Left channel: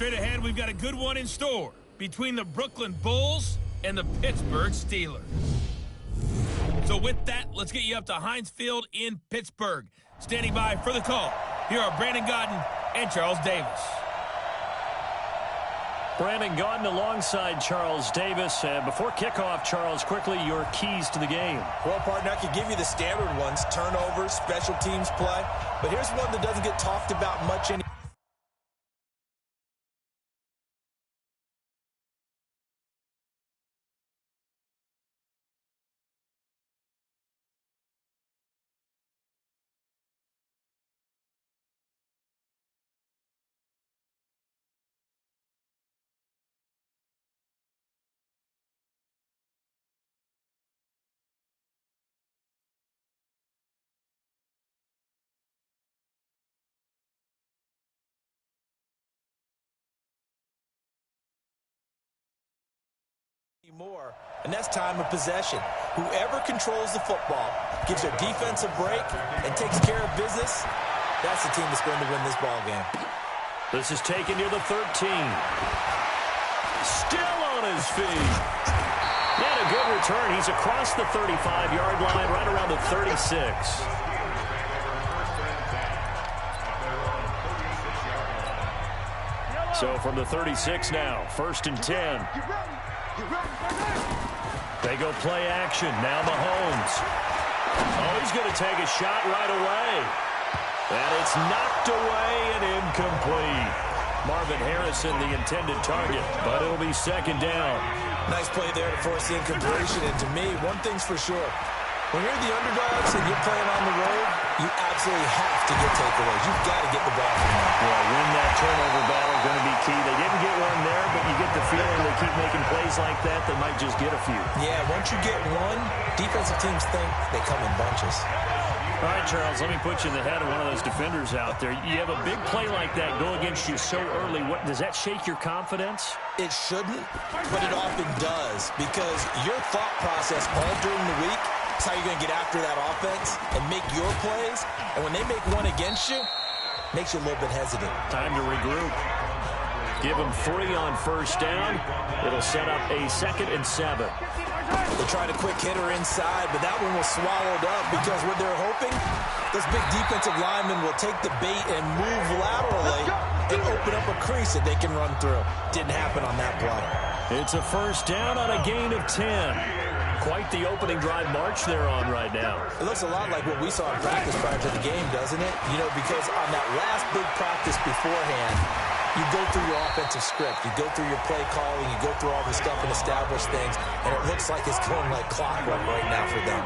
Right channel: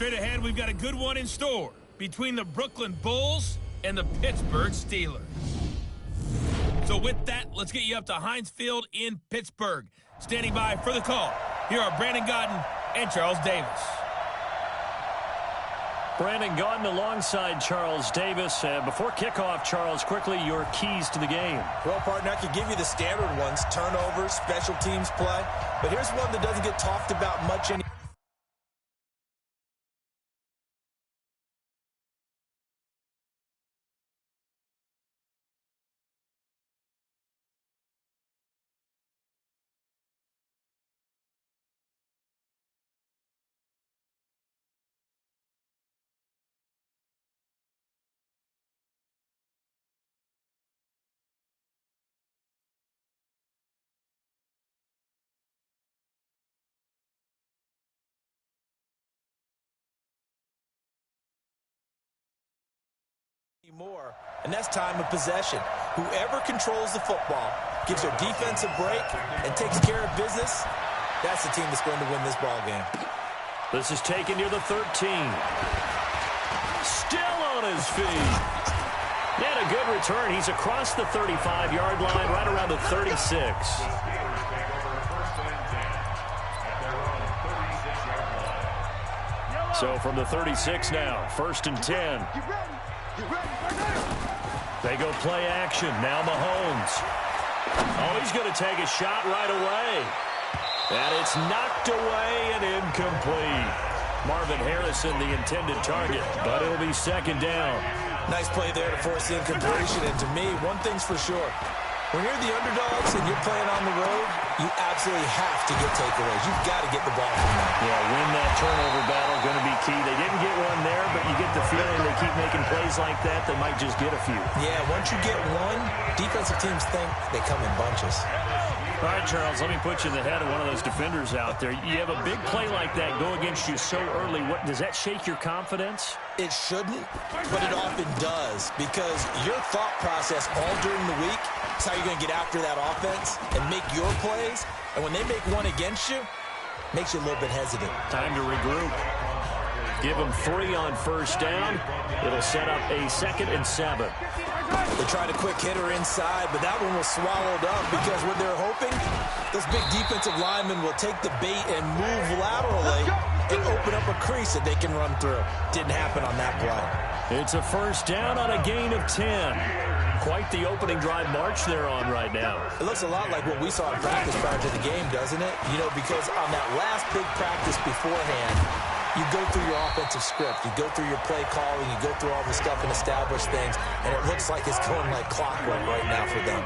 straight ahead, we've got a good one in store between the Brooklyn Bulls and the Pittsburgh Steelers. So with that, let's get you up to Heinz Field in Pittsburgh. Standing by for the call, here are Brandon Gaudin and Charles Davis. Brandon Gaudin alongside Charles Davis. Before kickoff, Charles, quickly, your keys to the game. Well, partner, I could give you the standard ones, turnovers, special teams play. But here's one that doesn't get talked about much anymore. More, and that's time of possession. Whoever controls the football, gives their defense a break, and takes care of business, that's the team that's going to win this ball game. This is taken near the 13. Still on his feet. And a good return. He's across the 35-yard line, right around the 36. So from the 36 now, 1st and 10. They go play action. Now Mahomes. Oh, he's going to take a shot right away. And it's knocked away and incomplete. Marvin Harrison, the intended target, but it'll be 2nd down. Nice play there to force the incompletion. And to me, one thing's for sure. When you're the underdogs and you're playing on the road, you absolutely have to get takeaways. You've got to get the ball from them. Yeah, win that turnover battle, going to be key. They didn't get one there, but you get the feeling they keep making plays like that, they might just get a few. Yeah, once you get one, defensive teams think they come in bunches. All right, Charles, let me put you in the head of one of those defenders out there. You have a big play like that go against you so early. What does that shake your confidence? It shouldn't, but it often does, because your thought process all during the week is how you're going to get after that offense and make your plays. And when they make one against you, makes you a little bit hesitant. Time to regroup. Give them 3 on 1st down. It'll set up a 2nd and 7. They tried a quick hitter inside, but that one was swallowed up because what they're hoping, those big defensive linemen will take the bait and move laterally and open up a crease that they can run through. Didn't happen on that play. It's a 1st down on a gain of 10. Quite the opening drive march they're on right now. It looks a lot like what we saw in practice prior to the game, doesn't it? You know, because on that last big practice beforehand, you go through your offensive script, you go through your play calling, you go through all this stuff and establish things, and it looks like it's going like clockwork right now for them.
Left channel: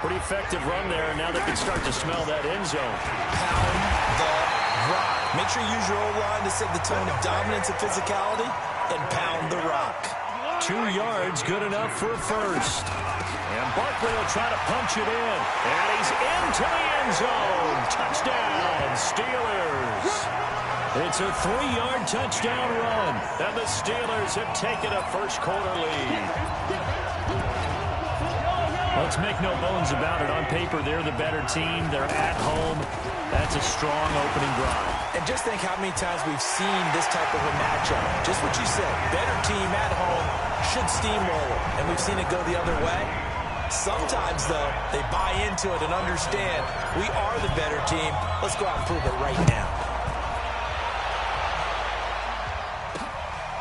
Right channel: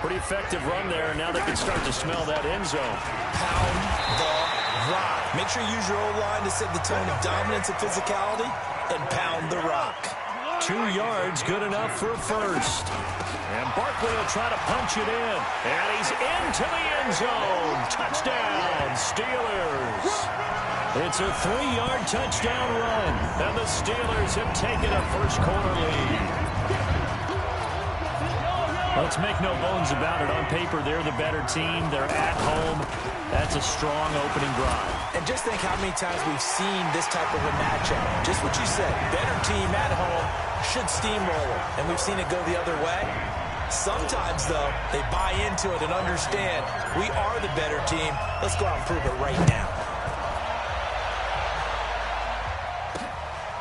Pretty effective run there, and now they can start to smell that end zone. Pound the rock. Make sure you use your O-line to set the tone of dominance and physicality, and pound the rock. 2 yards, good enough for a 1st. And Barkley will try to punch it in. And he's into the end zone. Touchdown, Steelers. It's a 3-yard touchdown run. And the Steelers have taken a 1st quarter lead. Let's make no bones about it. On paper, they're the better team. They're at home. That's a strong opening drive. And just think how many times we've seen this type of a matchup. Just what you said, better team at home should steamroll them. And we've seen it go the other way. Sometimes, though, they buy into it and understand we are the better team. Let's go out and prove it right now.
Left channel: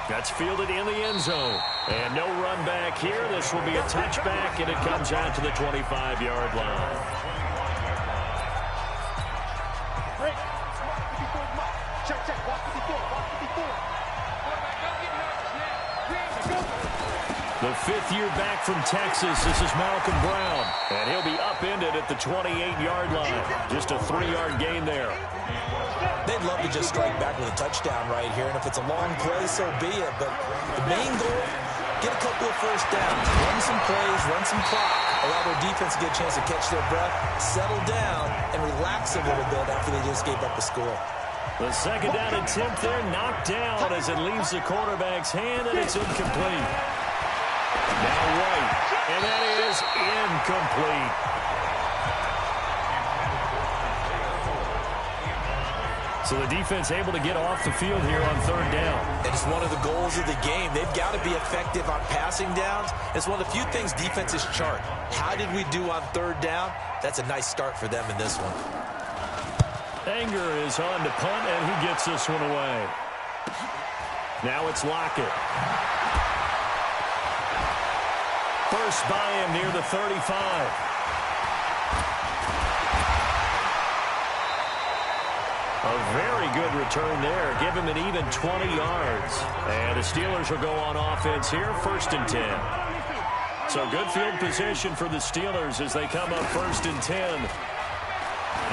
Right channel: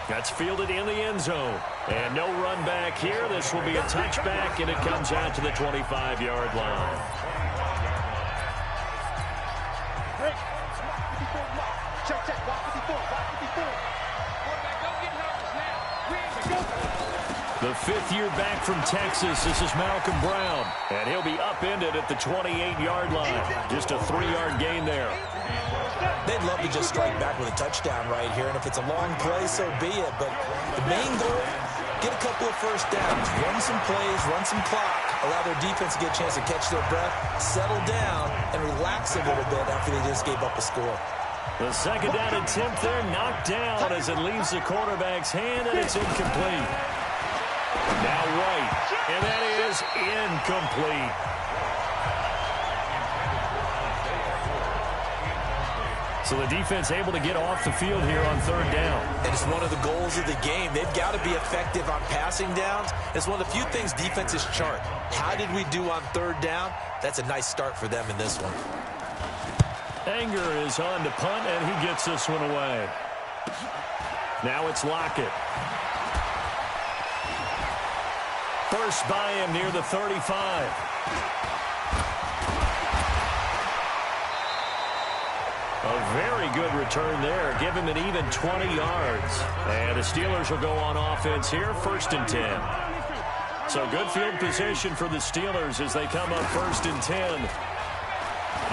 That's fielded in the end zone. And no run back here. This will be a touchback, and it comes out to the 25-yard line. Break. Check. Walk 54. Quarterback, don't get nervous now. Ready to go. The 5th year back from Texas. This is Malcolm Brown. And he'll be upended at the 28-yard line. Just a 3-yard gain there. They'd love to just strike back with a touchdown right here, and if it's a long play, so be it. But the main goal, get a couple of 1st downs, run some plays, run some clock, allow their defense to get a chance to catch their breath, settle down, and relax a little bit after they just gave up a score. The 2nd down attempt there knocked down as it leaves the quarterback's hand, and it's incomplete. Now White, and that is incomplete. So the defense able to get off the field here on third down. And it's one of the goals of the game. They've got to be effective on passing downs. It's one of the few things defenses chart. How did we do on third down? That's a nice start for them in this one. Anger is on to punt, and he gets this one away. Now it's Lockett. First by him near the 35. A very good return there. Give him an even 20 yards. And the Steelers will go on offense here, 1st and 10. So good field position for the Steelers as they come up 1st and 10.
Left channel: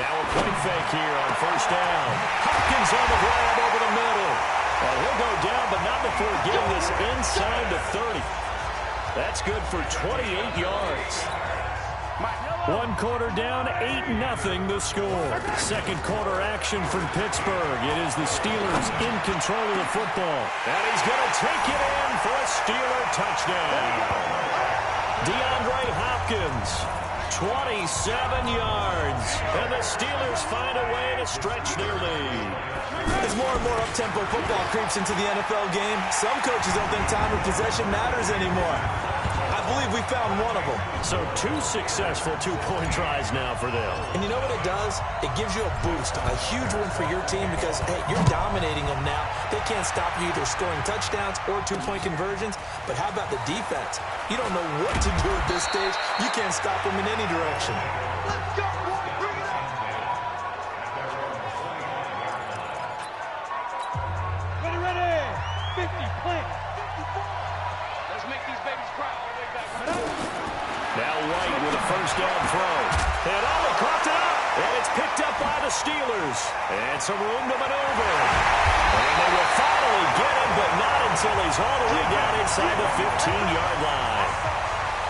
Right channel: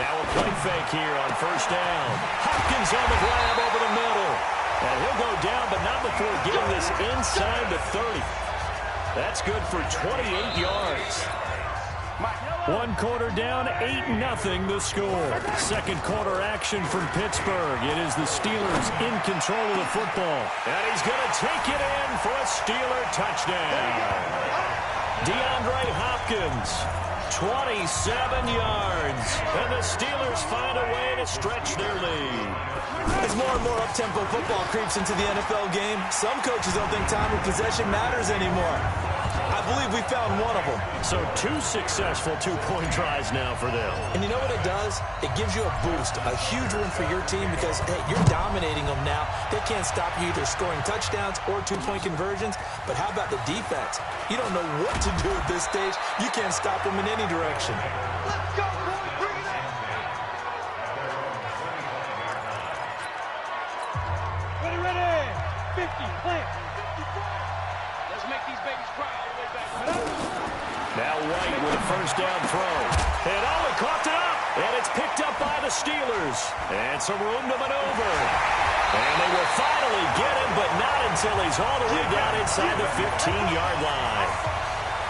Now a point fake here on 1st down. Hopkins on the grab over the middle. And he'll go down, but not before getting this inside the 30. That's good for 28 yards. 1 quarter down, 8-0 the score. Second quarter action from Pittsburgh. It is the Steelers in control of the football. And he's going to take it in for a Steeler touchdown. DeAndre Hopkins, 27 yards. And the Steelers find a way to stretch their lead. As more and more up-tempo football creeps into the NFL game, some coaches don't think time of possession matters anymore. I believe we found one of them. So 2 successful two-point tries now for them. And you know what it does? It gives you a boost, a huge one for your team because, hey, you're dominating them now. They can't stop you either scoring touchdowns or two-point conversions. But how about the defense? You don't know what to do at this stage. You can't stop them in any direction. Let's go, boys. Bring it up. Ready. 50, plant. 54. Let's make these babies cry all the way back. Now White with a 1st down throw. And he coughed it up. And it's picked up by the Steelers. And some room to maneuver. And they will finally get him, but not until he's all the way down inside the 15-yard line.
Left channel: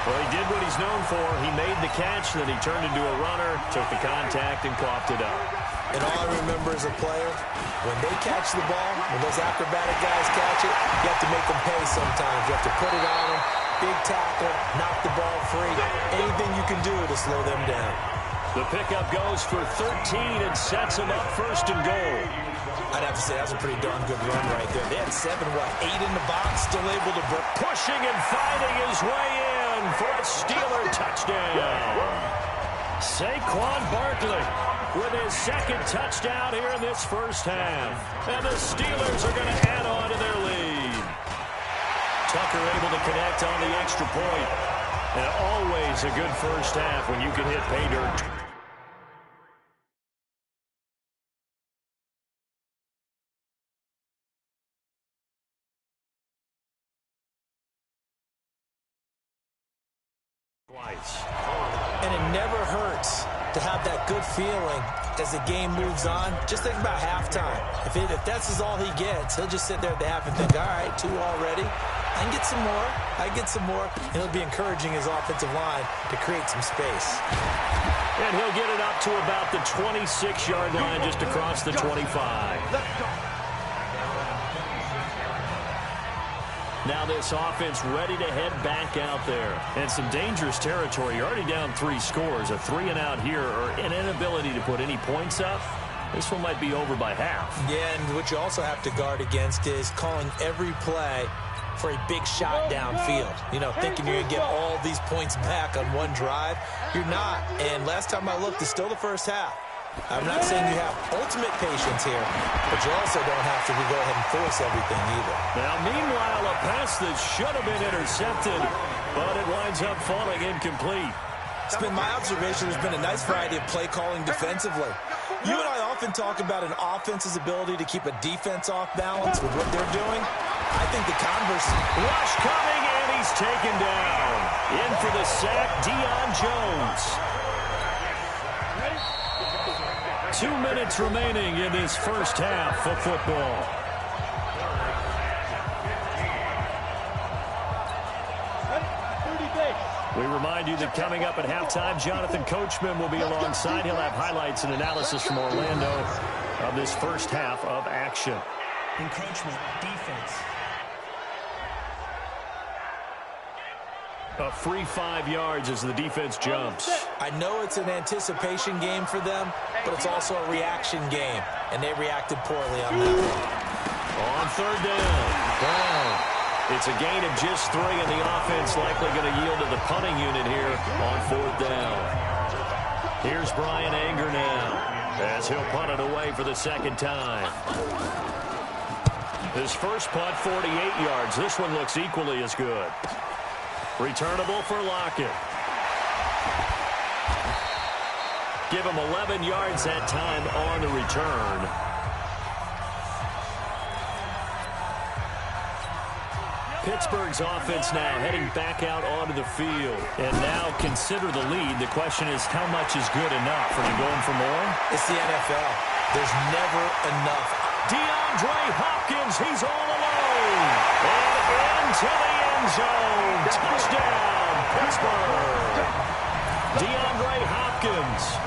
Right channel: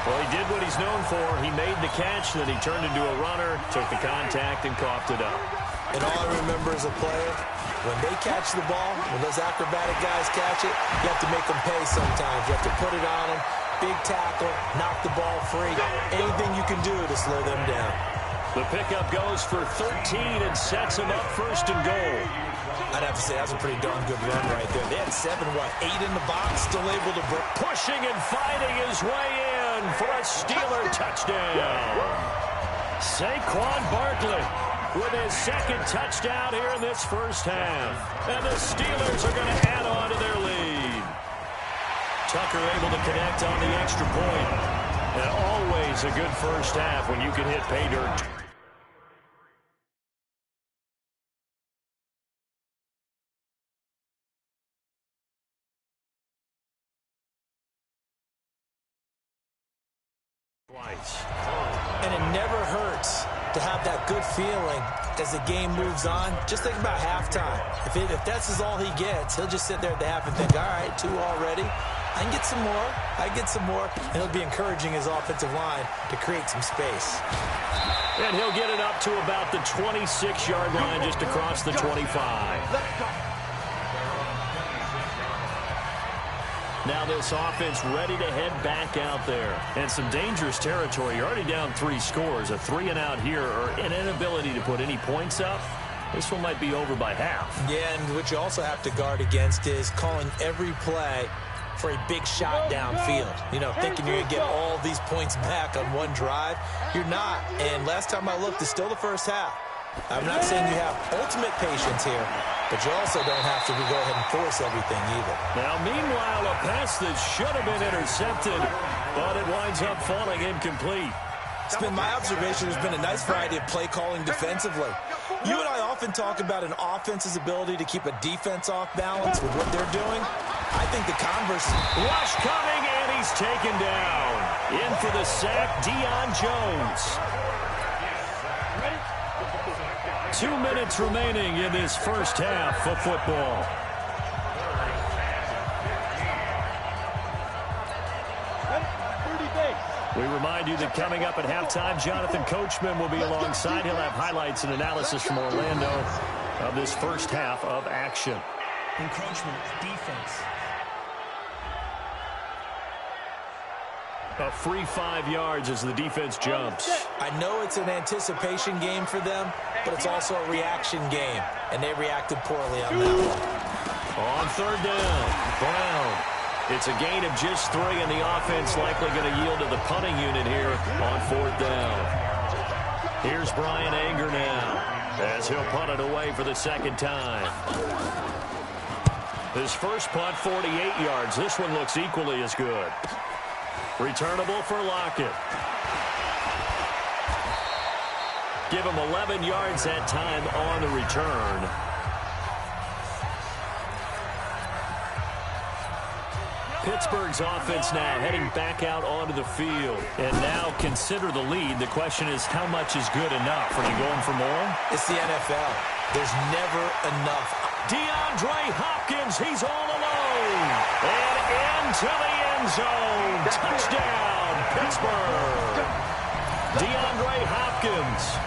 Well, he did what he's known for. He made the catch, then he turned into a runner, took the contact, and coughed it up. And all I remember as a player, when they catch the ball, when those acrobatic guys catch it, you have to make them pay sometimes. You have to put it on them, big tackle, knock the ball free. Anything you can do to slow them down. The pickup goes for 13 and sets him up 1st and goal. I'd have to say that's a pretty darn good run right there. They had 7, 8 in the box, still able to break. Pushing and fighting his way in for a Steeler touchdown. Saquon Barkley with his 2nd touchdown here in this first half. And the Steelers are going to add on to their lead. Tucker able to connect on the extra point. And always a good first half when you can hit pay dirt. Twice. And it never hurts to have that good feeling as the game moves on. Just think about halftime. If that's all he gets, he'll just sit there at the half and think, all right, 2 already. I can get some more. And it'll be encouraging his offensive line to create some space. And he'll get it up to about the 26-yard line just across the 25. Let's go. Now this offense ready to head back out there. And some dangerous territory. You're already down 3 scores. A 3-and-out here or an inability to put any points up. This one might be over by half. Yeah, and what you also have to guard against is calling every play for a big shot downfield. You know, thinking you're going to get all these points back on one drive. You're not. And last time I looked, it's still the first half. I'm not saying you have ultimate patience here, but you also don't have to go ahead and force everything either. Now, meanwhile, a pass that should have been intercepted, but it winds up falling incomplete. It's been my observation there's been a nice variety of play calling defensively. You and I often talk about an offense's ability to keep a defense off balance with what they're doing. I think the converse. Rush coming, and he's taken down. In for the sack, Deion Jones. 2 minutes remaining in this first half of football. We remind you that coming up at halftime, Jonathan Coachman will be alongside. He'll have highlights and analysis from Orlando of this first half of action. Encroachment, defense. A free 5 yards as the defense jumps. I know it's an anticipation game for them, but it's also a reaction game, and they reacted poorly on that one. On third down, Brown. It's a gain of just 3, and the offense likely going to yield to the punting unit here on fourth down. Here's Brian Anger now, as he'll punt it away for the second time. His first punt, 48 yards. This one looks equally as good. Returnable for Lockett. Give him 11 yards that time on the return. Pittsburgh's offense now heading back out onto the field. And now consider the lead. The question is, how much is good enough? Are you going for more? It's the NFL. There's never enough. DeAndre Hopkins, he's all alone. And into the end zone. Touchdown, Pittsburgh. DeAndre Hopkins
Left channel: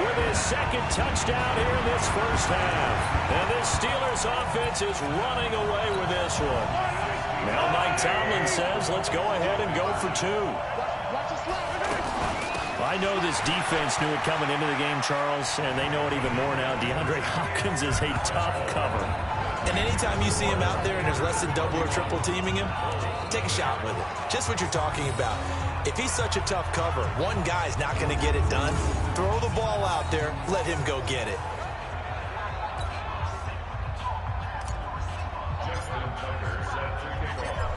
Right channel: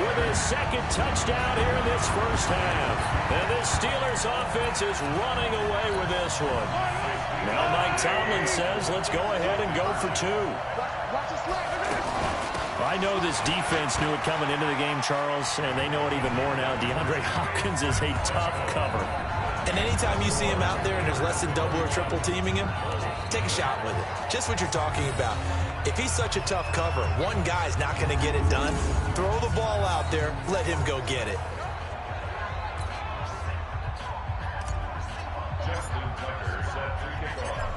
with his second touchdown here in this first half. And this Steelers offense is running away with this one. Now Mike Tomlin says, let's go ahead and go for 2. I know this defense knew it coming into the game, Charles, and they know it even more now. DeAndre Hopkins is a tough cover. And anytime you see him out there and there's less than double or triple teaming him, take a shot with it. Just what you're talking about. If he's such a tough cover, one guy's not going to get it done. Throw the ball out there. Let him go get it.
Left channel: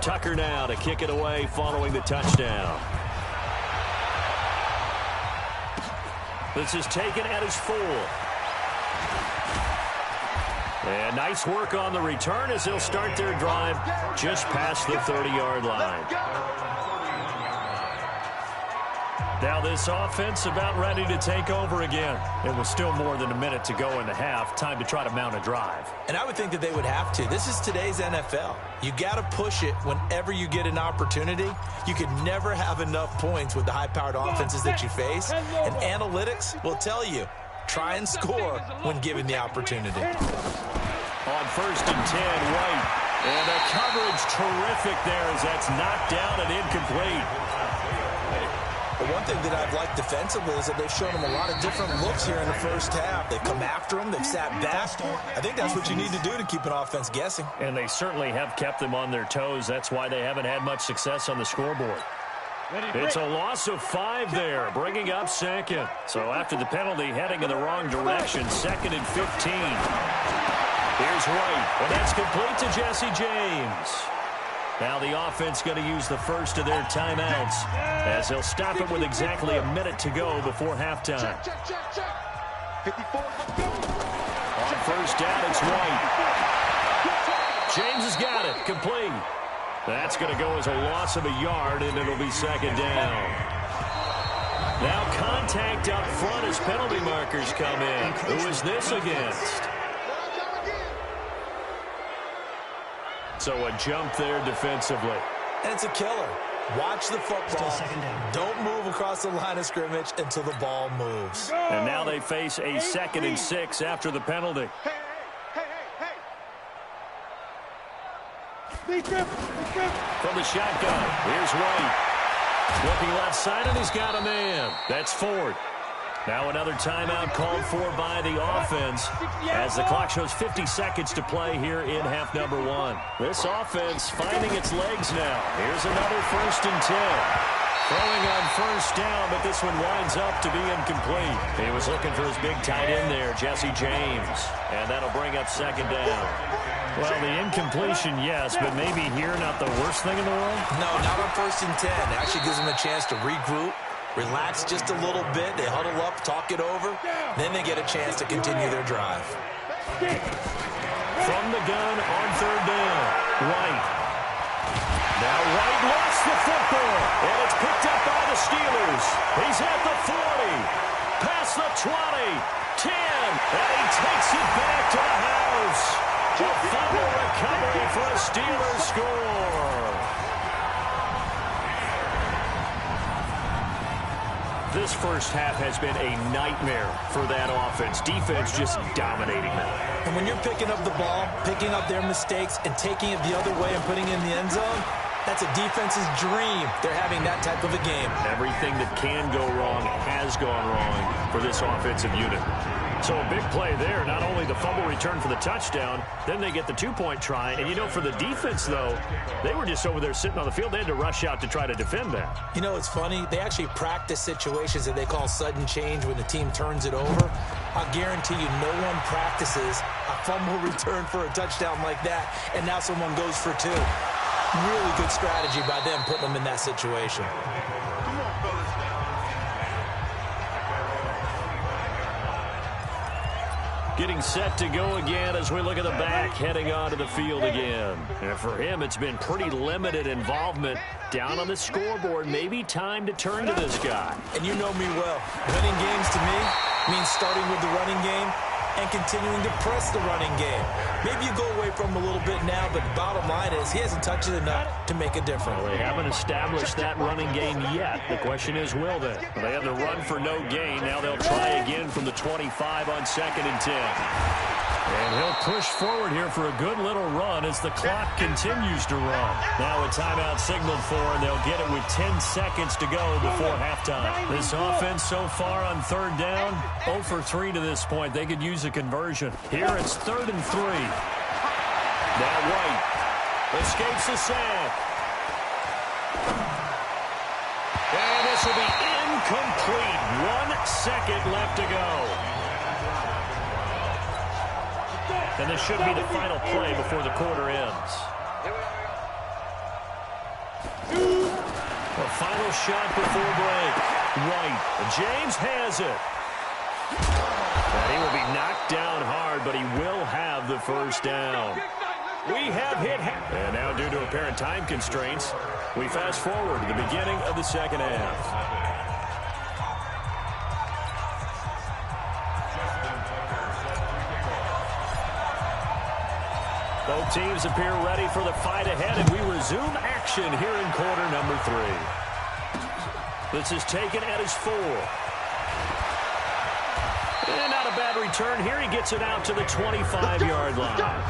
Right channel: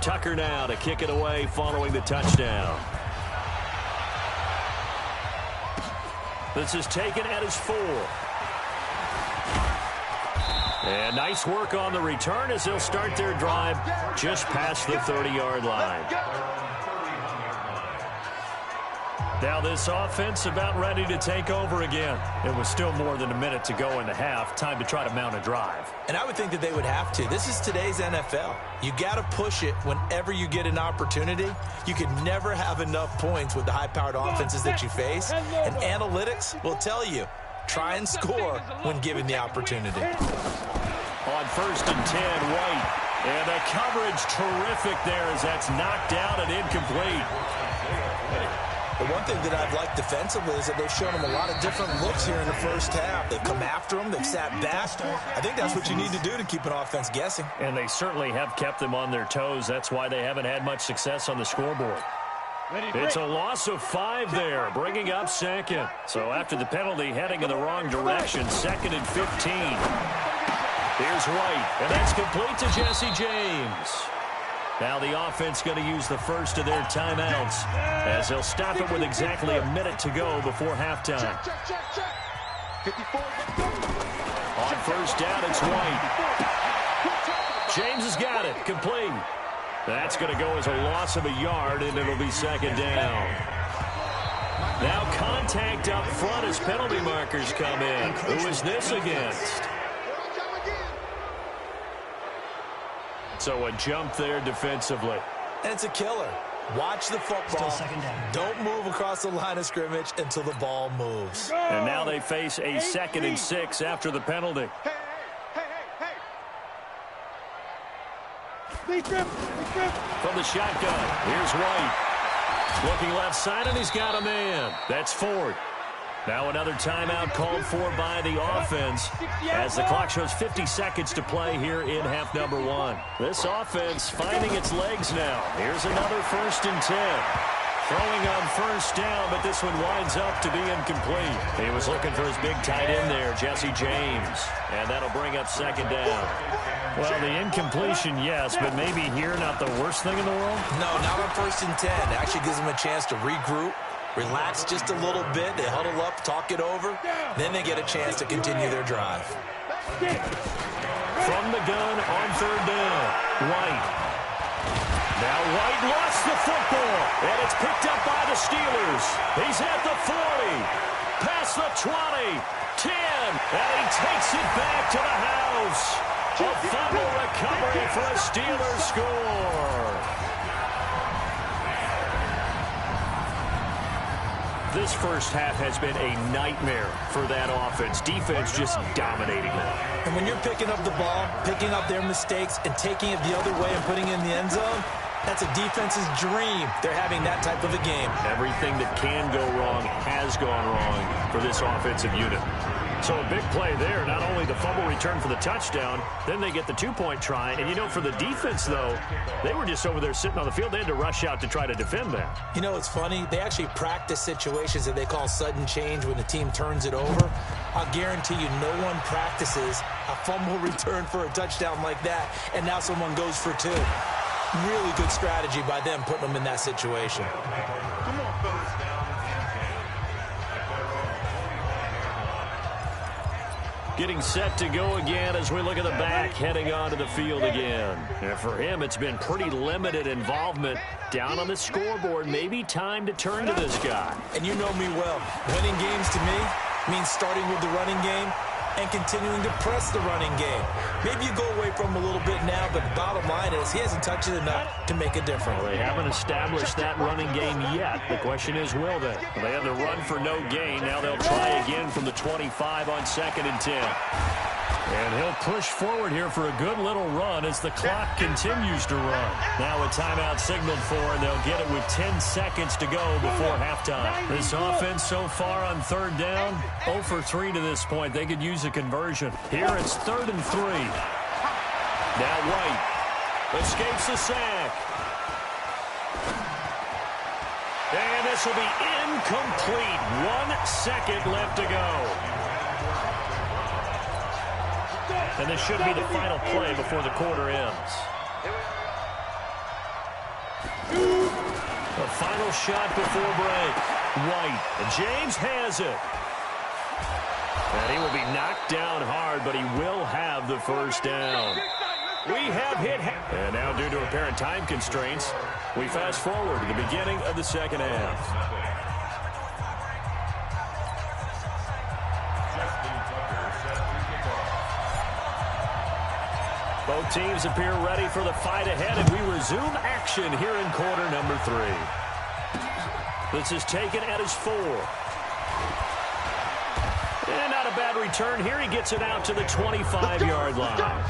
Tucker now to kick it away following the touchdown. This is taken at his 4. And nice work on the return as they'll start their drive just past the 30-yard line. Now this offense about ready to take over again. It was still more than a minute to go in the half. Time to try to mount a drive. And I would think that they would have to. This is today's NFL. You got to push it whenever you get an opportunity. You can never have enough points with the high-powered offenses that you face. And analytics will tell you, try and score when given the opportunity. On first and 10, White. And the coverage terrific there as that's knocked down and incomplete. The one thing that I've liked defensively is that they've shown them a lot of different looks here in the first half. They've come after them. They've sat back. I think that's what you need to do to keep an offense guessing. And they certainly have kept them on their toes. That's why they haven't had much success on the scoreboard. It's a loss of 5 there, bringing up second. So after the penalty, heading in the wrong direction, 2nd and 15. Here's White, and that's complete to Jesse James. Now the offense going to use the first of their timeouts as they'll stop it with exactly a minute to go before halftime. On first down, it's White. James has got it, complete. That's going to go as a loss of a yard, and it'll be 2nd down. Now contact up front as penalty markers come in. Who is this against? So a jump there defensively. And it's a killer. Watch the football. Still 2nd down. Don't move across the line of scrimmage until the ball moves. And now they face a 2nd and 6 after the penalty. From the shotgun, here's White. Looking left side, and he's got a man. That's Ford. Now another timeout called for by the offense as the clock shows 50 seconds to play here in half number 1. This offense finding its legs now. Here's another 1st and 10. Throwing on first down, but this one winds up to be incomplete. He was looking for his big tight end there, Jesse James. And that'll bring up 2nd down. Well, the incompletion, yes, but maybe here not the worst thing in the world? No, not on 1st and 10. It actually gives them a chance to regroup. Relax just a little bit. They huddle up, talk it over. Then they get a chance to continue their drive. From the gun on 3rd down, White. Now White lost the football, and it's picked up by the Steelers. He's at the 40, past the 20, 10, and he takes it back to the house. A fumble recovery for a Steelers score. This first half has been a nightmare for that offense. Defense just dominating them. And when you're picking up the ball, picking up their mistakes, and taking it the other way and putting it in the end zone, That's a defense's dream. They're having that type of a game. Everything that can go wrong has gone wrong for this offensive unit. So a big play there, not only the fumble return for the touchdown, then they get the two-point try. And, you know, for the defense, though, they were just over there sitting on the field. They had to rush out to try to defend that. You know, it's funny. They actually practice situations that they call sudden change when the team turns it over. I'll guarantee you no one practices a fumble return for a touchdown like that, and now someone goes for two. Really good strategy by them putting them in that situation. Come on, fellas. Getting set to go again as we look at the back heading onto the field again. And for him, it's been pretty limited involvement down on the scoreboard. Maybe time to turn to this guy. And you know me well. Winning games to me means starting with the running game and continuing to press the running game. Maybe you go away from him a little bit now, but the bottom line is he hasn't touched it enough to make a difference. Well, they haven't established that running game yet. The question is, will they? Well, they had the run for no gain. Now they'll try again from the 25 on 2nd and 10. And he'll push forward here for a good little run as the clock continues to run. Now a timeout signaled for, and they'll get it with 10 seconds to go before halftime. This offense so far on 3rd down, 0 for 3 to this point. They could use a conversion. Here it's 3rd and 3. Now White escapes the sack. And this will be incomplete. 1 second left to go. And this should be the final play before the quarter ends. A final shot before break. White. And James has it. And he will be knocked down hard, but he will have the first down. We have hit. And now, due to apparent time constraints, we fast forward to the beginning of the second half. Both teams appear ready for the fight ahead, and we resume action here in quarter number 3. This is taken at his 4. And not a bad return here. He gets it out to the 25-yard line.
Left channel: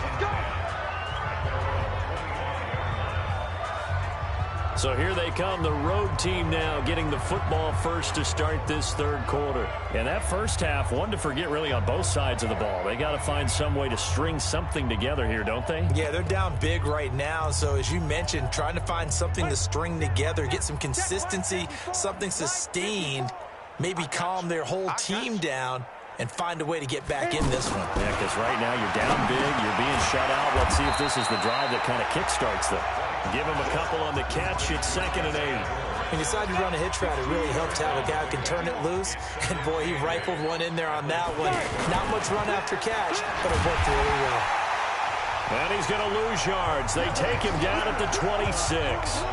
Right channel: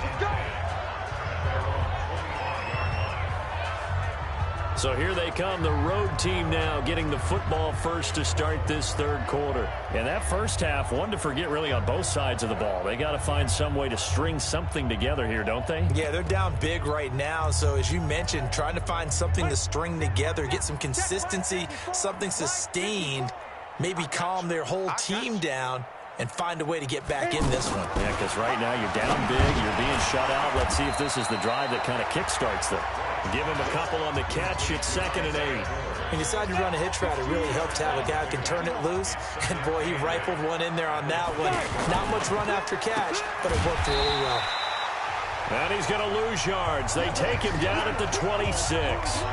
So here they come, the road team now getting the football first to start this 3rd quarter. And that first half, one to forget really on both sides of the ball. They got to find some way to string something together here, don't they? Yeah, they're down big right now. So as you mentioned, trying to find something to string together, get some consistency, something sustained, maybe calm their whole team down and find a way to get back in this one. Yeah, because right now you're down big, you're being shut out. Let's see if this is the drive that kind of kickstarts them. Give him a couple on the catch. It's 2nd and 8. When you decide to run a hitch route, it really helps to have a guy who can turn it loose. And, boy, he rifled one in there on that one. Not much run after catch, but it worked really well. And he's going to lose yards. They take him down at the 26.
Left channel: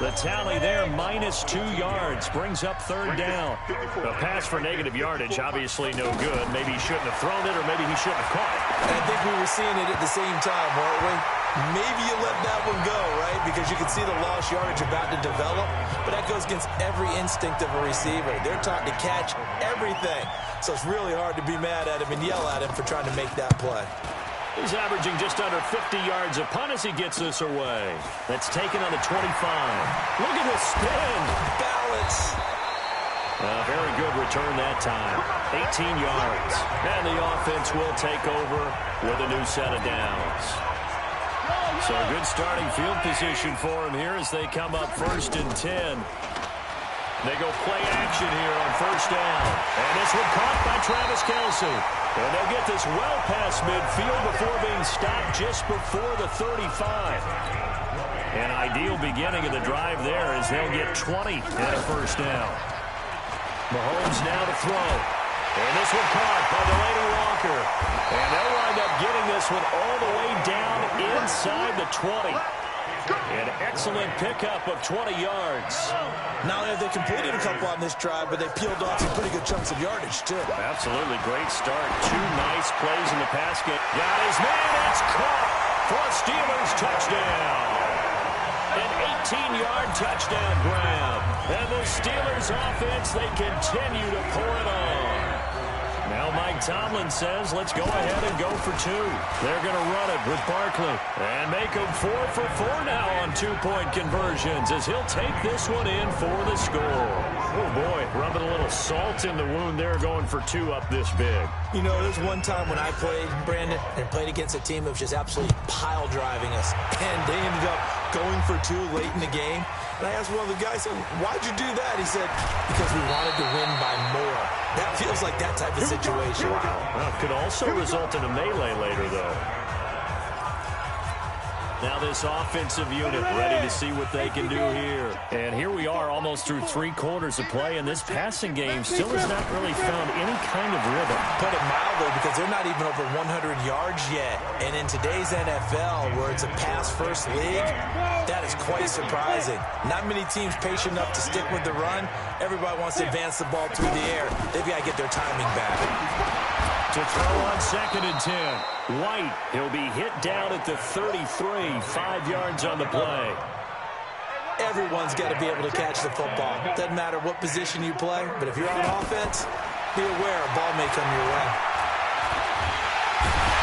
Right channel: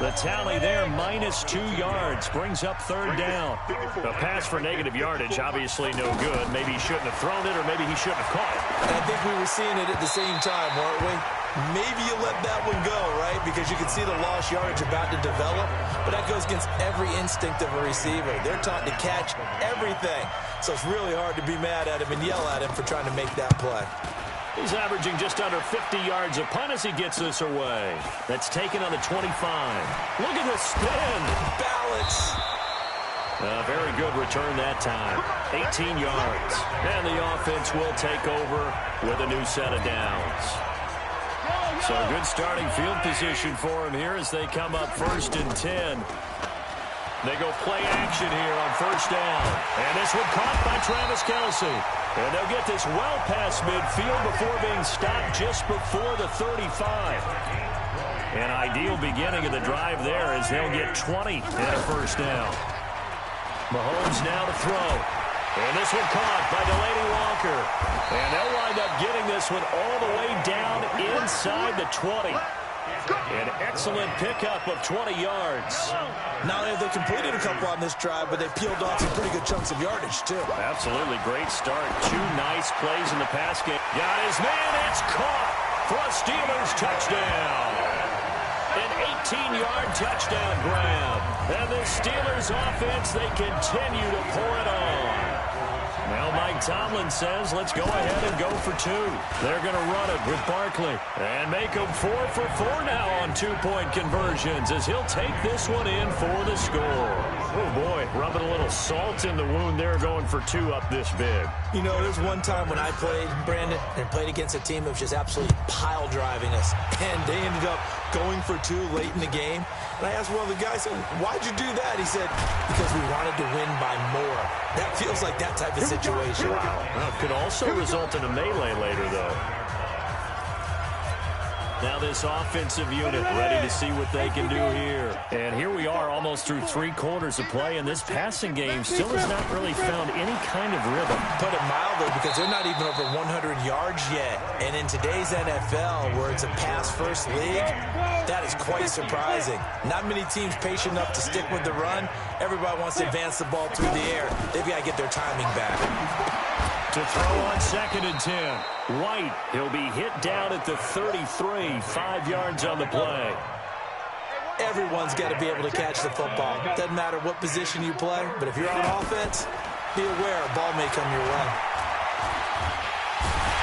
The tally there, -2 yards, brings up 3rd down. A pass for negative yardage, obviously no good. Maybe he shouldn't have thrown it, or maybe he shouldn't have caught it. And I think we were seeing it at the same time, weren't we? Maybe you let that one go, right? Because you can see the lost yardage about to develop. But that goes against every instinct of a receiver. They're taught to catch everything. So it's really hard to be mad at him and yell at him for trying to make that play. He's averaging just under 50 yards a punt as he gets this away. That's taken on the 25. Look at the spin. Balance. A very good return that time. 18 yards. And the offense will take over with a new set of downs. So a good starting field position for him here as they come up 1st and 10. They go play action here on 1st down. And this one caught by Travis Kelce. And they'll get this well past midfield before being stopped just before the 35. An ideal beginning of the drive there as they'll get 20 and a 1st down. Mahomes now to throw. And this one caught by Delaney Walker. And they'll wind up getting this one all the way down inside the 20. An excellent pickup of 20 yards. Not only have they completed a couple on this drive, but they peeled off some pretty good chunks of yardage, too. Absolutely great start. 2 nice plays in the pass game. Got his man. It's caught for a Steelers touchdown. An 18-yard touchdown grab. And the Steelers offense, they continue to pour it on. Now Mike Tomlin says, let's go ahead and go for 2. They're going to run it with Barkley and make them 4 for 4 now on 2-point conversions as he'll take this one in for the score. Oh, boy, rubbing a little salt in the wound there, going for 2 up this big. You know, there's one time when I played, Brandon, and played against a team that was just absolutely pile driving us, and they ended up going for 2 late in the game. And I asked one of the guys, why'd you do that? He said, because we wanted to win by more. That feels like that type of situation. Wow. Well, it could also result in a melee later, though. Now this offensive unit ready to see what they can do here. And here we are almost through 3 quarters of play, and this passing game still has not really found any kind of rhythm. Put it mildly, because they're not even over 100 yards yet. And in today's NFL, where it's a pass-first league, that is quite surprising. Not many teams patient enough to stick with the run. Everybody wants to advance the ball through the air. They've got to get their timing back. To throw on 2nd and 10. White, he'll be hit down at the 33, 5 yards on the play. Everyone's got to be able to catch the football. Doesn't matter what position you play, but if you're on offense, be aware a ball may come your way.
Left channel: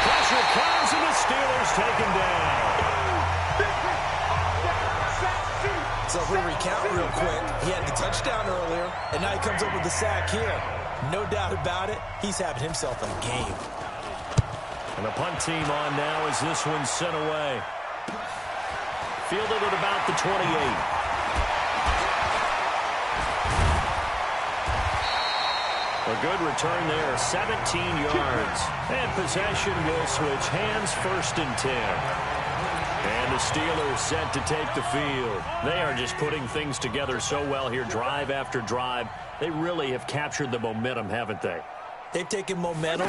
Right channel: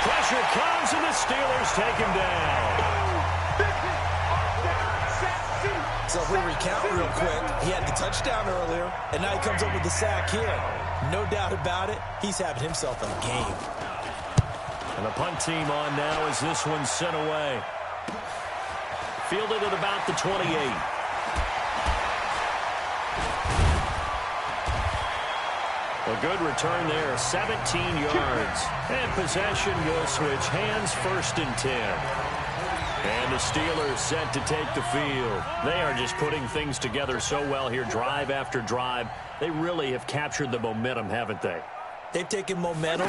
Pressure comes, and the Steelers take him down. So if we recount real quick, he had the touchdown earlier, and now he comes up with the sack here. No doubt about it, he's having himself a game. And the punt team on now as this one's sent away. Fielded at about the 28. A good return there, 17 yards. And possession will switch hands, 1st and 10. And the Steelers set to take the field. They are just putting things together so well here, drive after drive. They really have captured the momentum, haven't they? They've taken momentum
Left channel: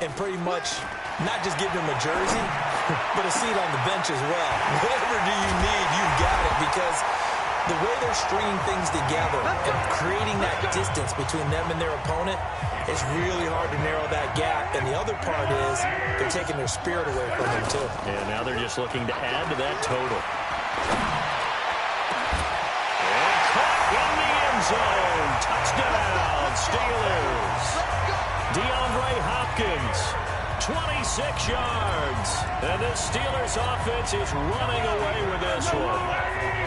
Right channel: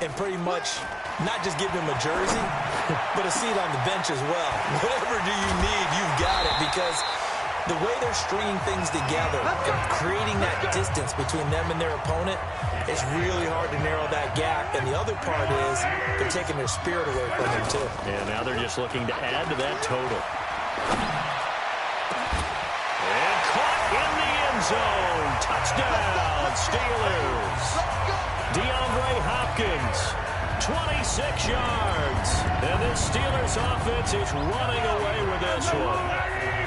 and pretty much not just given him a jersey, but a seat on the bench as well. Whatever do you need, you've got it, because the way they're stringing things together and creating that distance between them and their opponent, it's really hard to narrow that gap. And the other part is they're taking their spirit away from them, too. And now they're just looking to add to that total. And caught in the end zone. Touchdown, Steelers. DeAndre Hopkins, 26 yards. And this Steelers offense is running away with this one.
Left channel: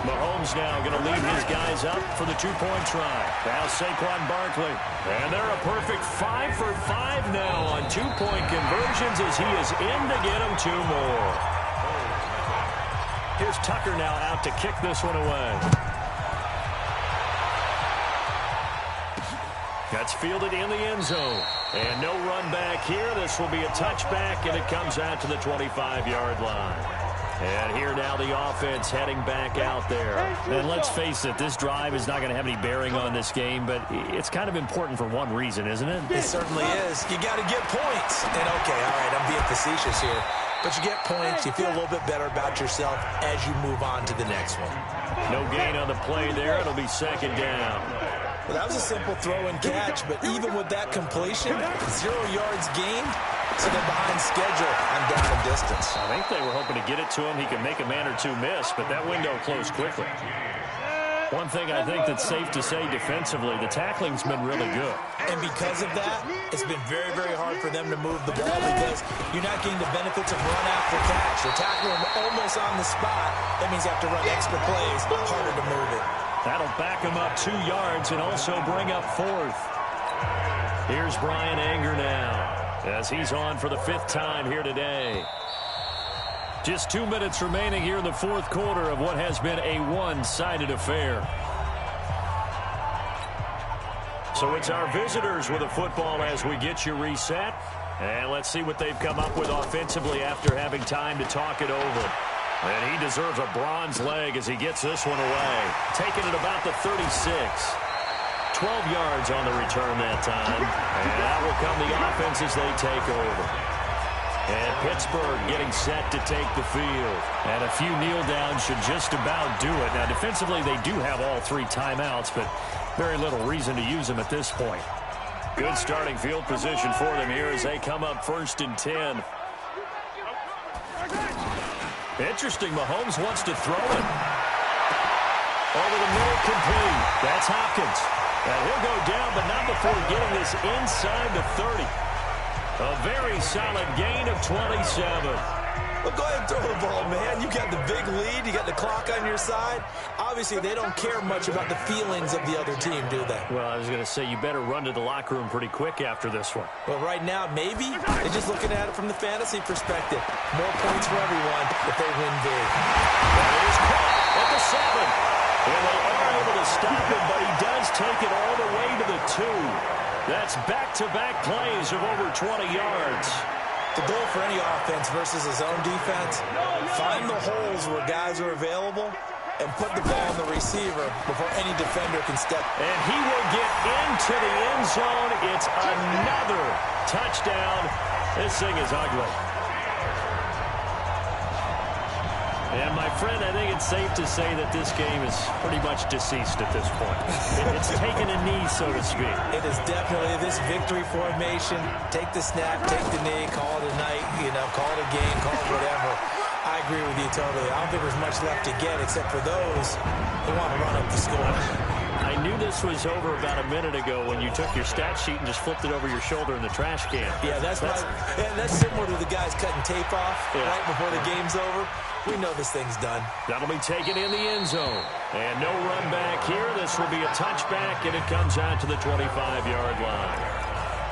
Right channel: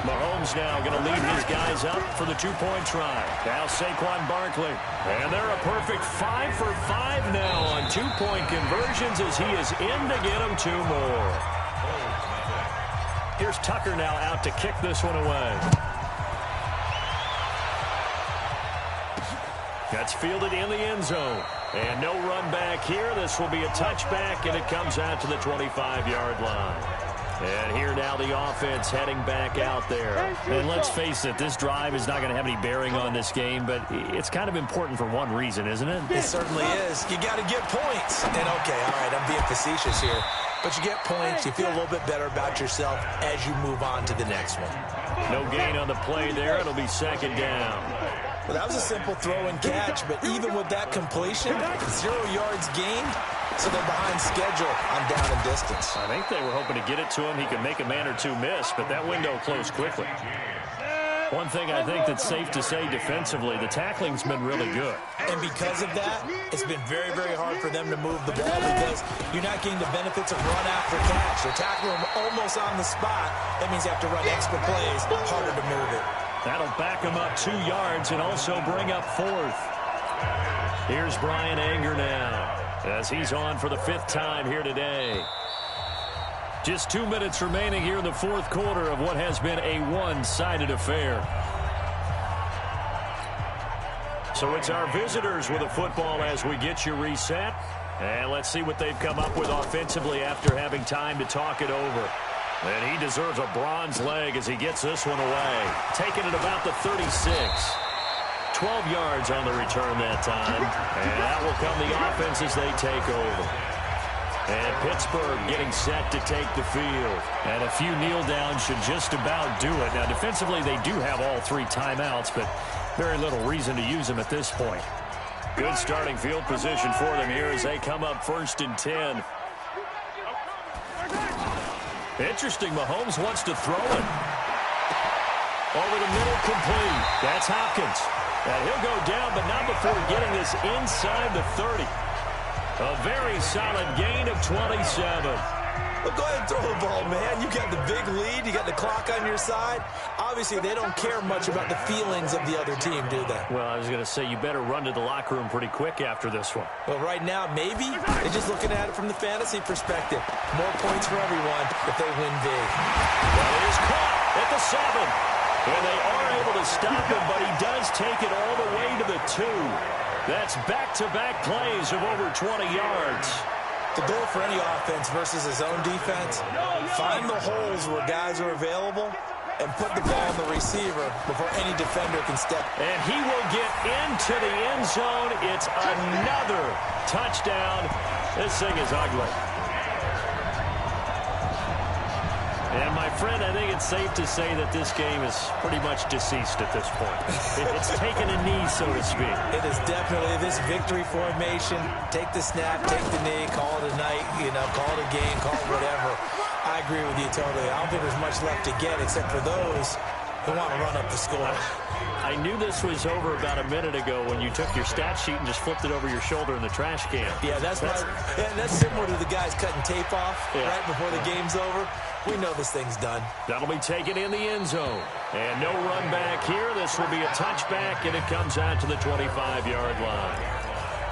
Mahomes now going to lead his guys up for the 2-point try. Now Saquon Barkley. And they're a perfect 5 for 5 now on 2-point conversions as he is in to get them 2 more. Here's Tucker now out to kick this one away. That's fielded in the end zone. And no run back here. This will be a touchback, and it comes out to the 25-yard line. And here now the offense heading back out there. And let's face it, this drive is not going to have any bearing on this game, but it's kind of important for one reason, isn't it? It certainly is. You got to get points. And, okay, all right, I'm being facetious here. But you get points, you feel a little bit better about yourself as you move on to the next one. No gain on the play there. It'll be 2nd down. Well, that was a simple throw and catch, but even with that completion, 0 yards gained, so they're behind schedule on down and distance. I think they were hoping to get it to him. He could make a man or 2 miss, but that window closed quickly. One thing I think that's safe to say defensively, the tackling's been really good. And because of that, it's been very, very hard for them to move the ball because you're not getting the benefits of run after catch. You're tackling them almost on the spot. That means you have to run extra plays, harder to move it. That'll back him up 2 yards and also bring up 4th. Here's Brian Anger now as he's on for the 5th time here today. Just 2 minutes remaining here in the 4th quarter of what has been a one-sided affair. So it's our visitors with a football as we get you reset. And let's see what they've come up with offensively after having time to talk it over. And he deserves a bronze leg as he gets this one away. Taking it about the 36. 12 yards on the return that time. And that will come the offense as they take over. And Pittsburgh getting set to take the field. And a few kneel downs should just about do it. Now, defensively, they do have all 3 timeouts, but very little reason to use them at this point. Good starting field position for them here as they come up 1st and 10. Interesting, Mahomes wants to throw it. Over the middle, complete. That's Hopkins. And he'll go down, but not before getting this inside the 30. A very solid gain of 27. Well, go ahead and throw the ball, man. You got the big lead. You got the clock on your side. Obviously, they don't care much about the feelings of the other team, do they? Well, I was going to say, you better run to the locker room pretty quick after this one. Well, right now, maybe. They're just looking at it from the fantasy perspective. More points for everyone if they win big. That is caught at the 7. And they are able to stop him, but he does take it all the way to the 2. That's back-to-back plays of over 20 yards. The goal for any offense versus a zone defense, find the holes where guys are available and put the ball on the receiver before any defender can step. And he will get into the end zone. It's another touchdown. This thing is ugly. And, my friend, I think it's safe to say that this game is pretty much deceased at this point. It's taken a knee, so to speak. It is definitely this victory formation. Take the snap, take the knee, call it a night, call it a game, call it whatever. I agree with you totally. I don't think there's much left to get except for those who want to run up the score. I knew this was over about a minute ago when you took your stat sheet and just flipped it over your shoulder in the trash can. Yeah, that's similar to the guys cutting tape off right before the game's over. We know this thing's done. That'll be taken in the end zone. And no run back here. This will be a touchback, and it comes out to the 25-yard line.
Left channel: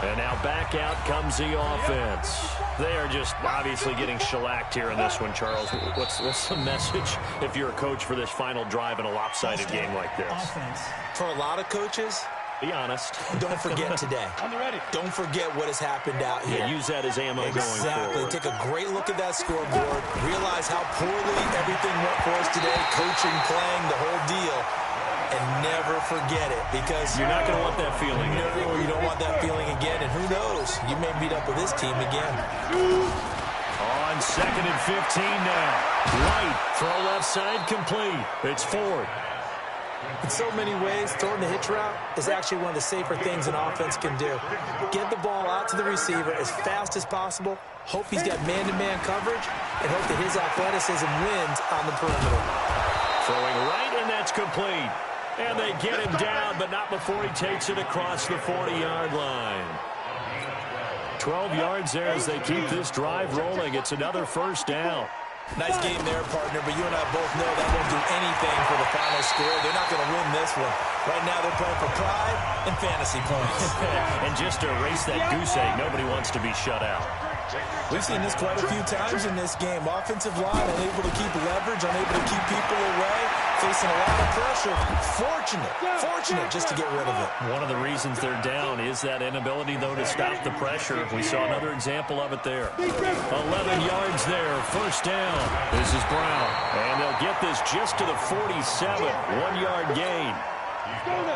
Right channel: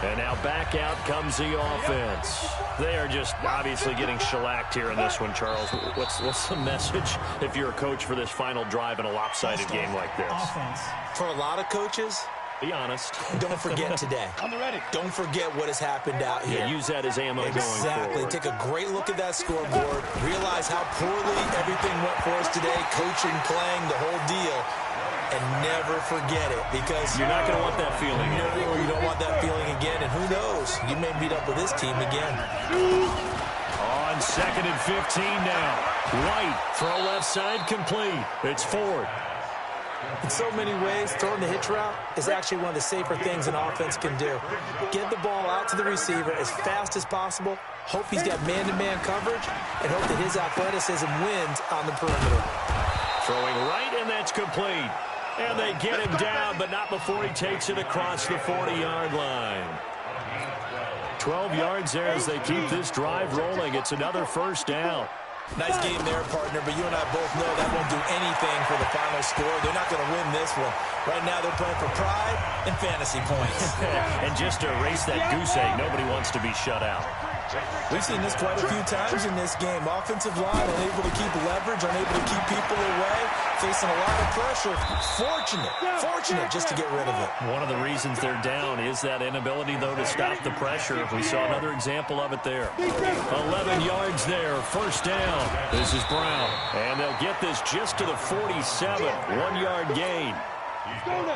And now back out comes the offense. They are just obviously getting shellacked here in this one, Charles. What's the message if you're a coach for this final drive in a lopsided game like this? Offense. For a lot of coaches, be honest. Don't forget today. On the ready. Don't forget what has happened out here. Yeah, use that as ammo going forward. Take a great look at that scoreboard. Realize how poorly everything went for us today. Coaching, playing, the whole deal. And never forget it, because you're not going to want that feeling again. No, you don't want that feeling again. And who knows? You may meet up with this team again. On 2nd and 15 now. White, throw left side, complete. It's Ford. In so many ways, throwing the hitch route is actually one of the safer things an offense can do. Get the ball out to the receiver as fast as possible, hope he's got man-to-man coverage, and hope that his athleticism wins on the perimeter. Throwing right, and that's complete. And they get him down, but not before he takes it across the 40-yard line. 12 yards there as they keep this drive rolling. It's another first down. Nice game there, partner, but you and I both know that won't do anything for the final score. They're not going to win this one. Right now they're playing for pride and fantasy points. And just to erase that goose egg, nobody wants to be shut out. We've seen this quite a few times in this game. Offensive line unable to keep leverage, unable to keep people away, facing a lot of pressure. Fortunate just to get rid of it. One of the reasons they're down is that inability, though, to stop the pressure. We saw another example of it there. 11 yards there, first down. This is Brown, and they'll get this just to the 47, 1-yard gain.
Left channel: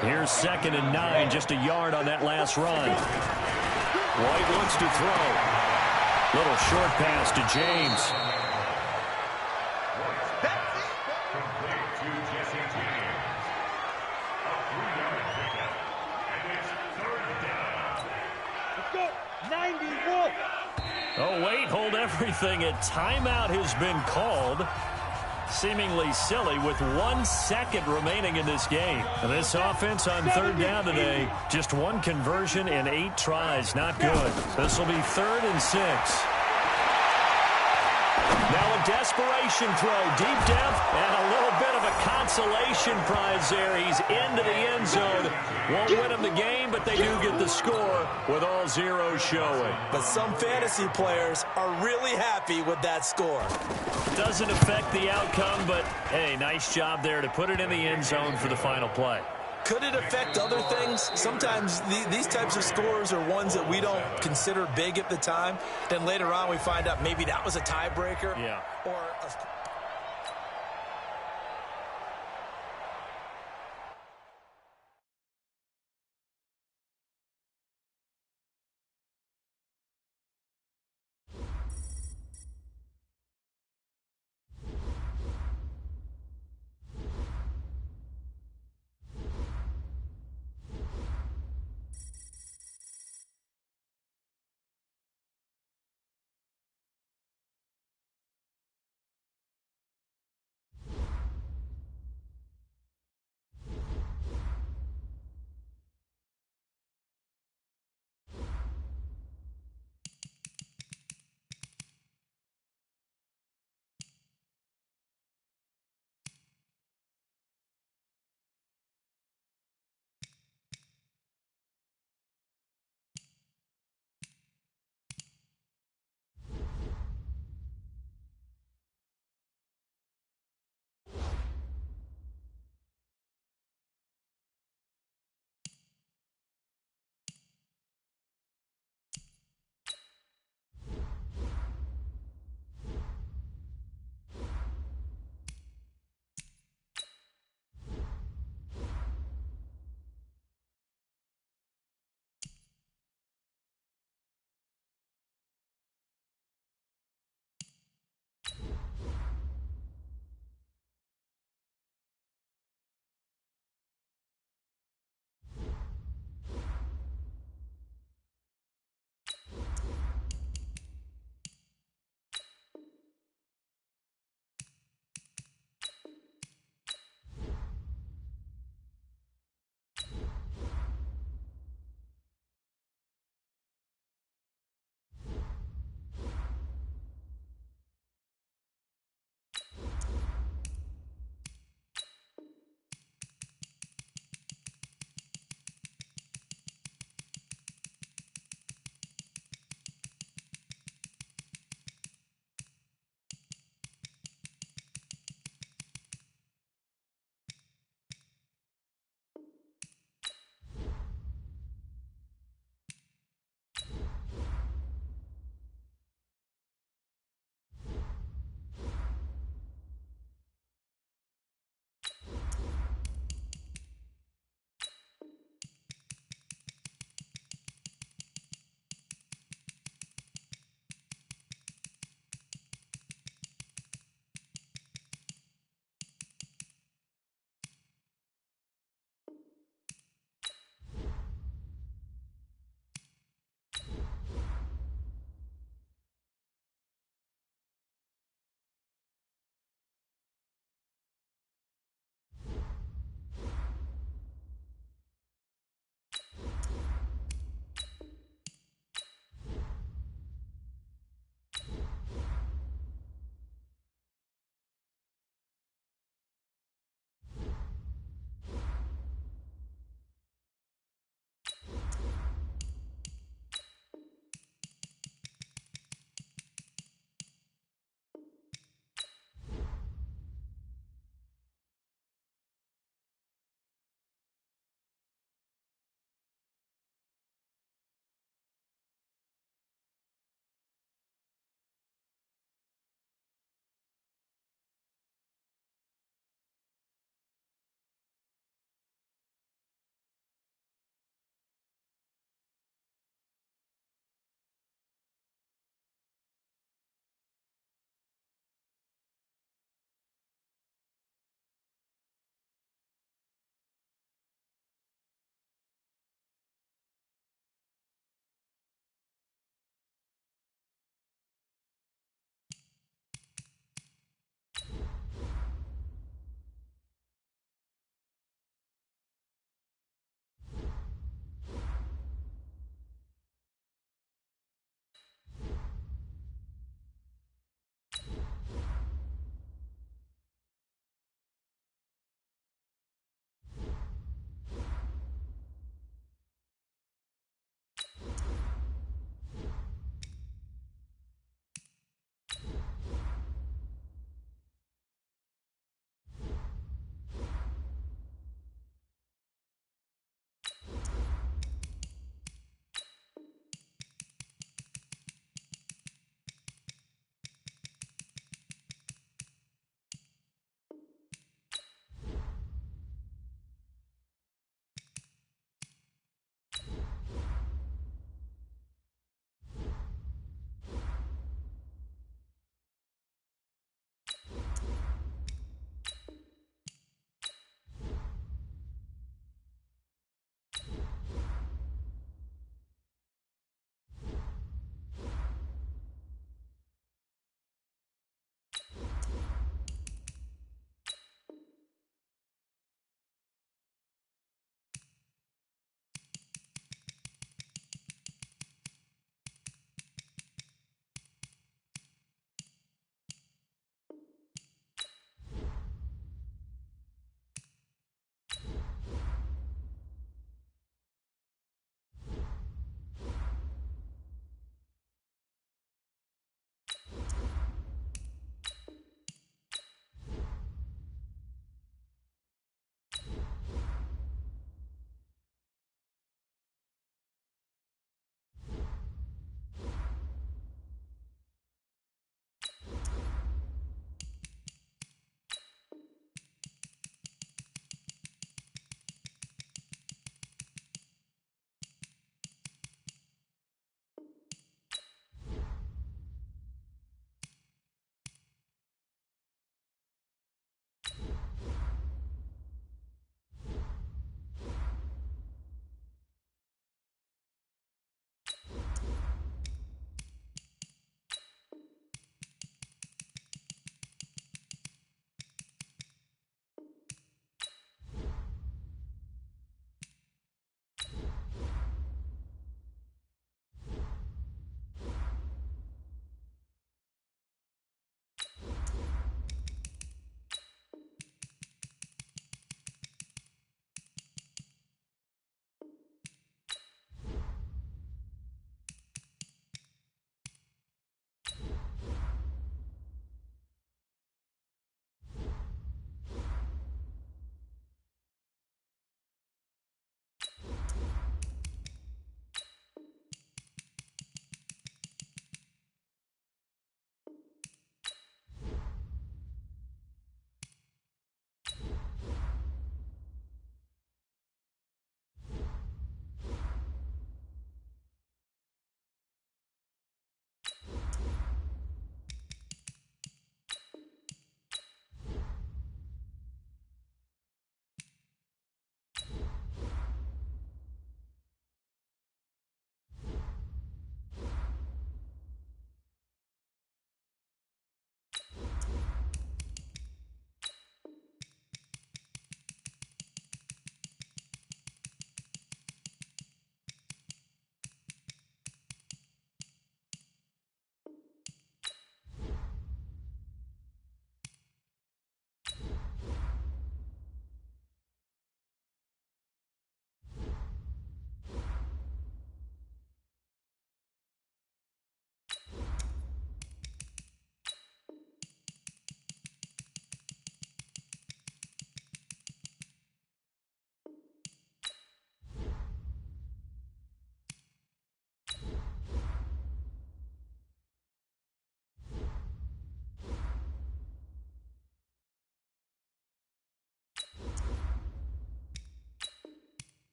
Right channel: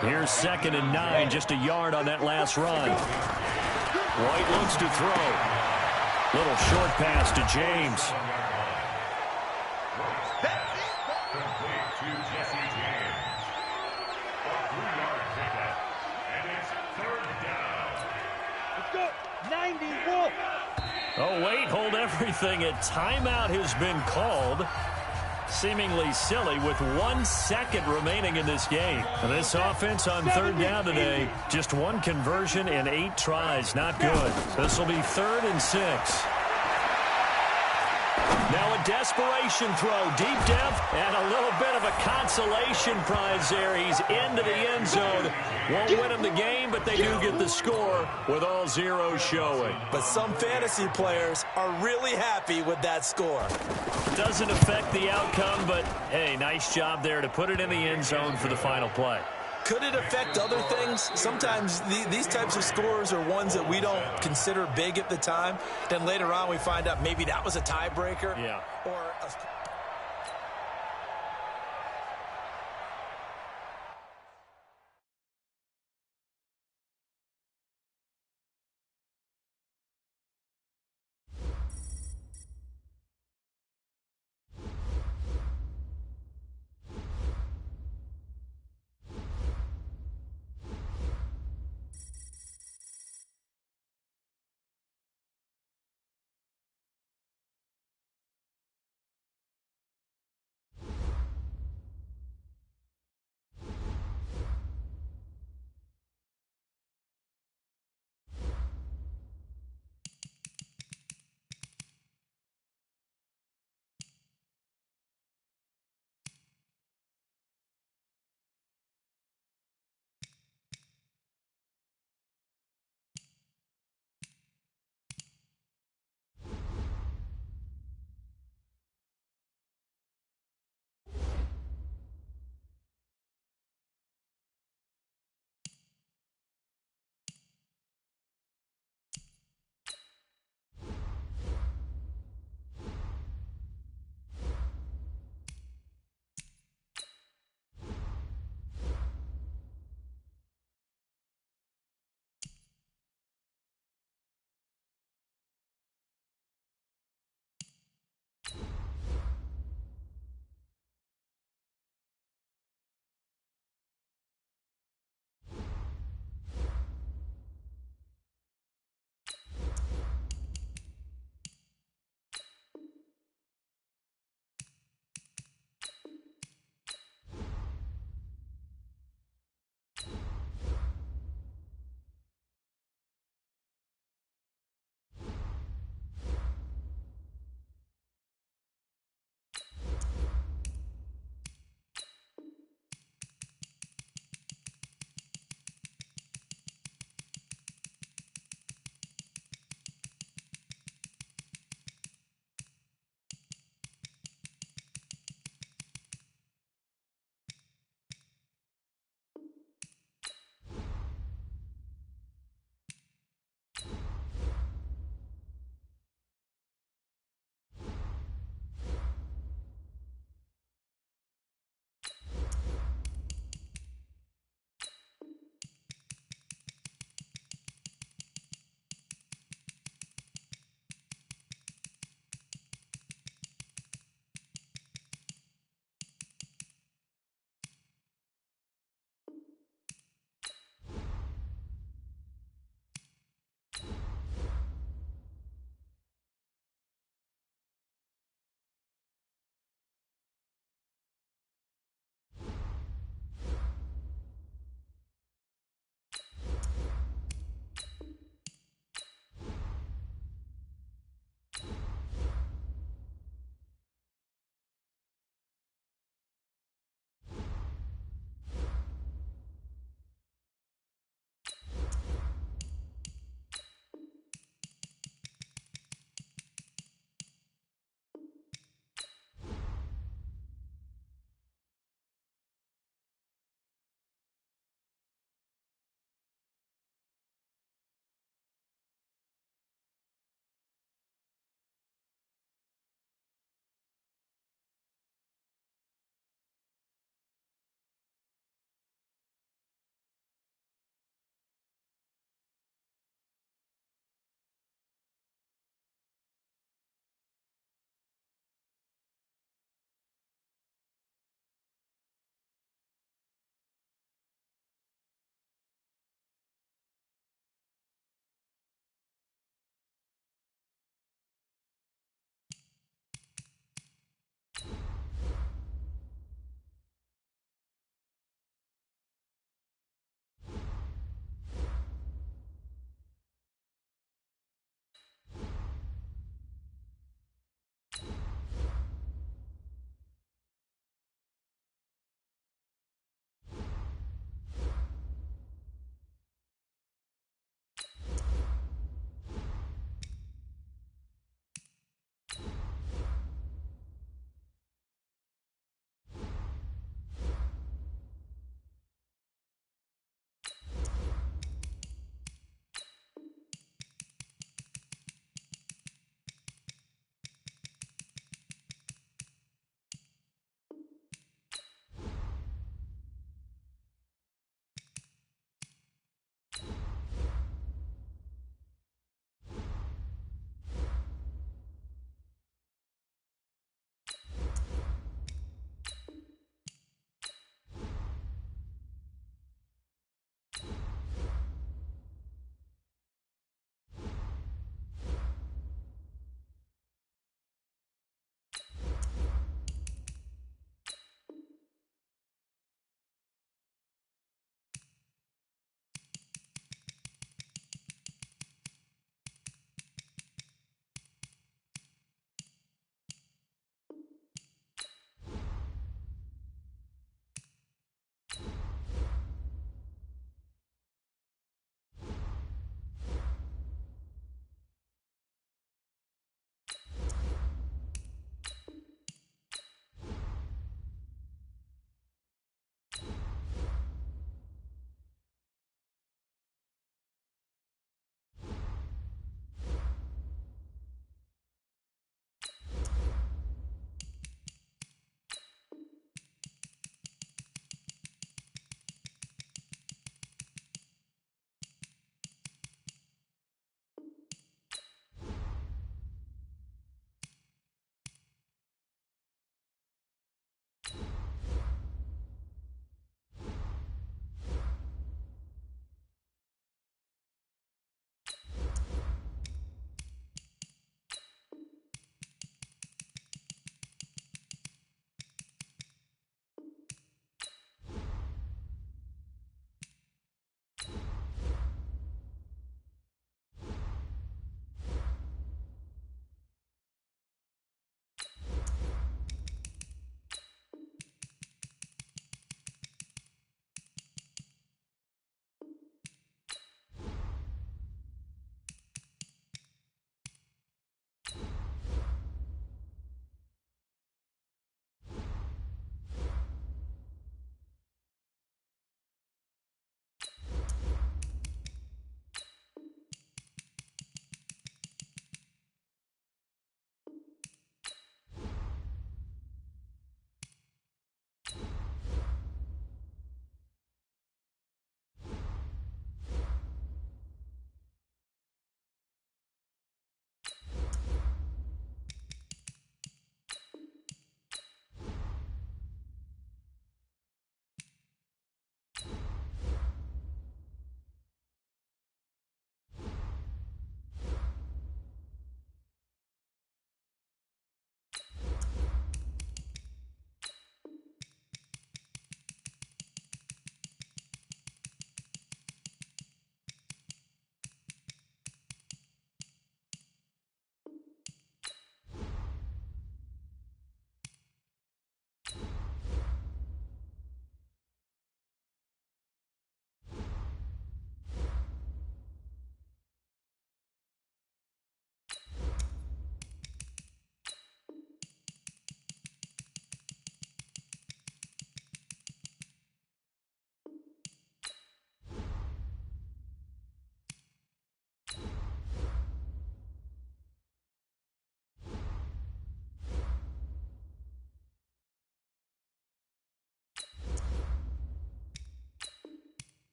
Here's 2nd and 9, just a yard on that last run. White looks to throw. Little short pass to James. Let's go. 91. Oh, wait, hold everything. A timeout has been called. Seemingly silly with 1 second remaining in this game. And this offense on 3rd down today, just 1 conversion in 8 tries. Not good. This will be 3rd and 6. Now a desperation throw, deep depth, and a little bit of a consolation prize there. He's into the end zone. Won't win him the game, but they do get the score with all zeros showing. But some fantasy players are really happy with that score. Doesn't affect the outcome, but, hey, nice job there to put it in the end zone for the final play. Could it affect other things? Sometimes these types of scores are ones that we don't consider big at the time. Then later on we find out maybe that was a tiebreaker. Yeah. Or a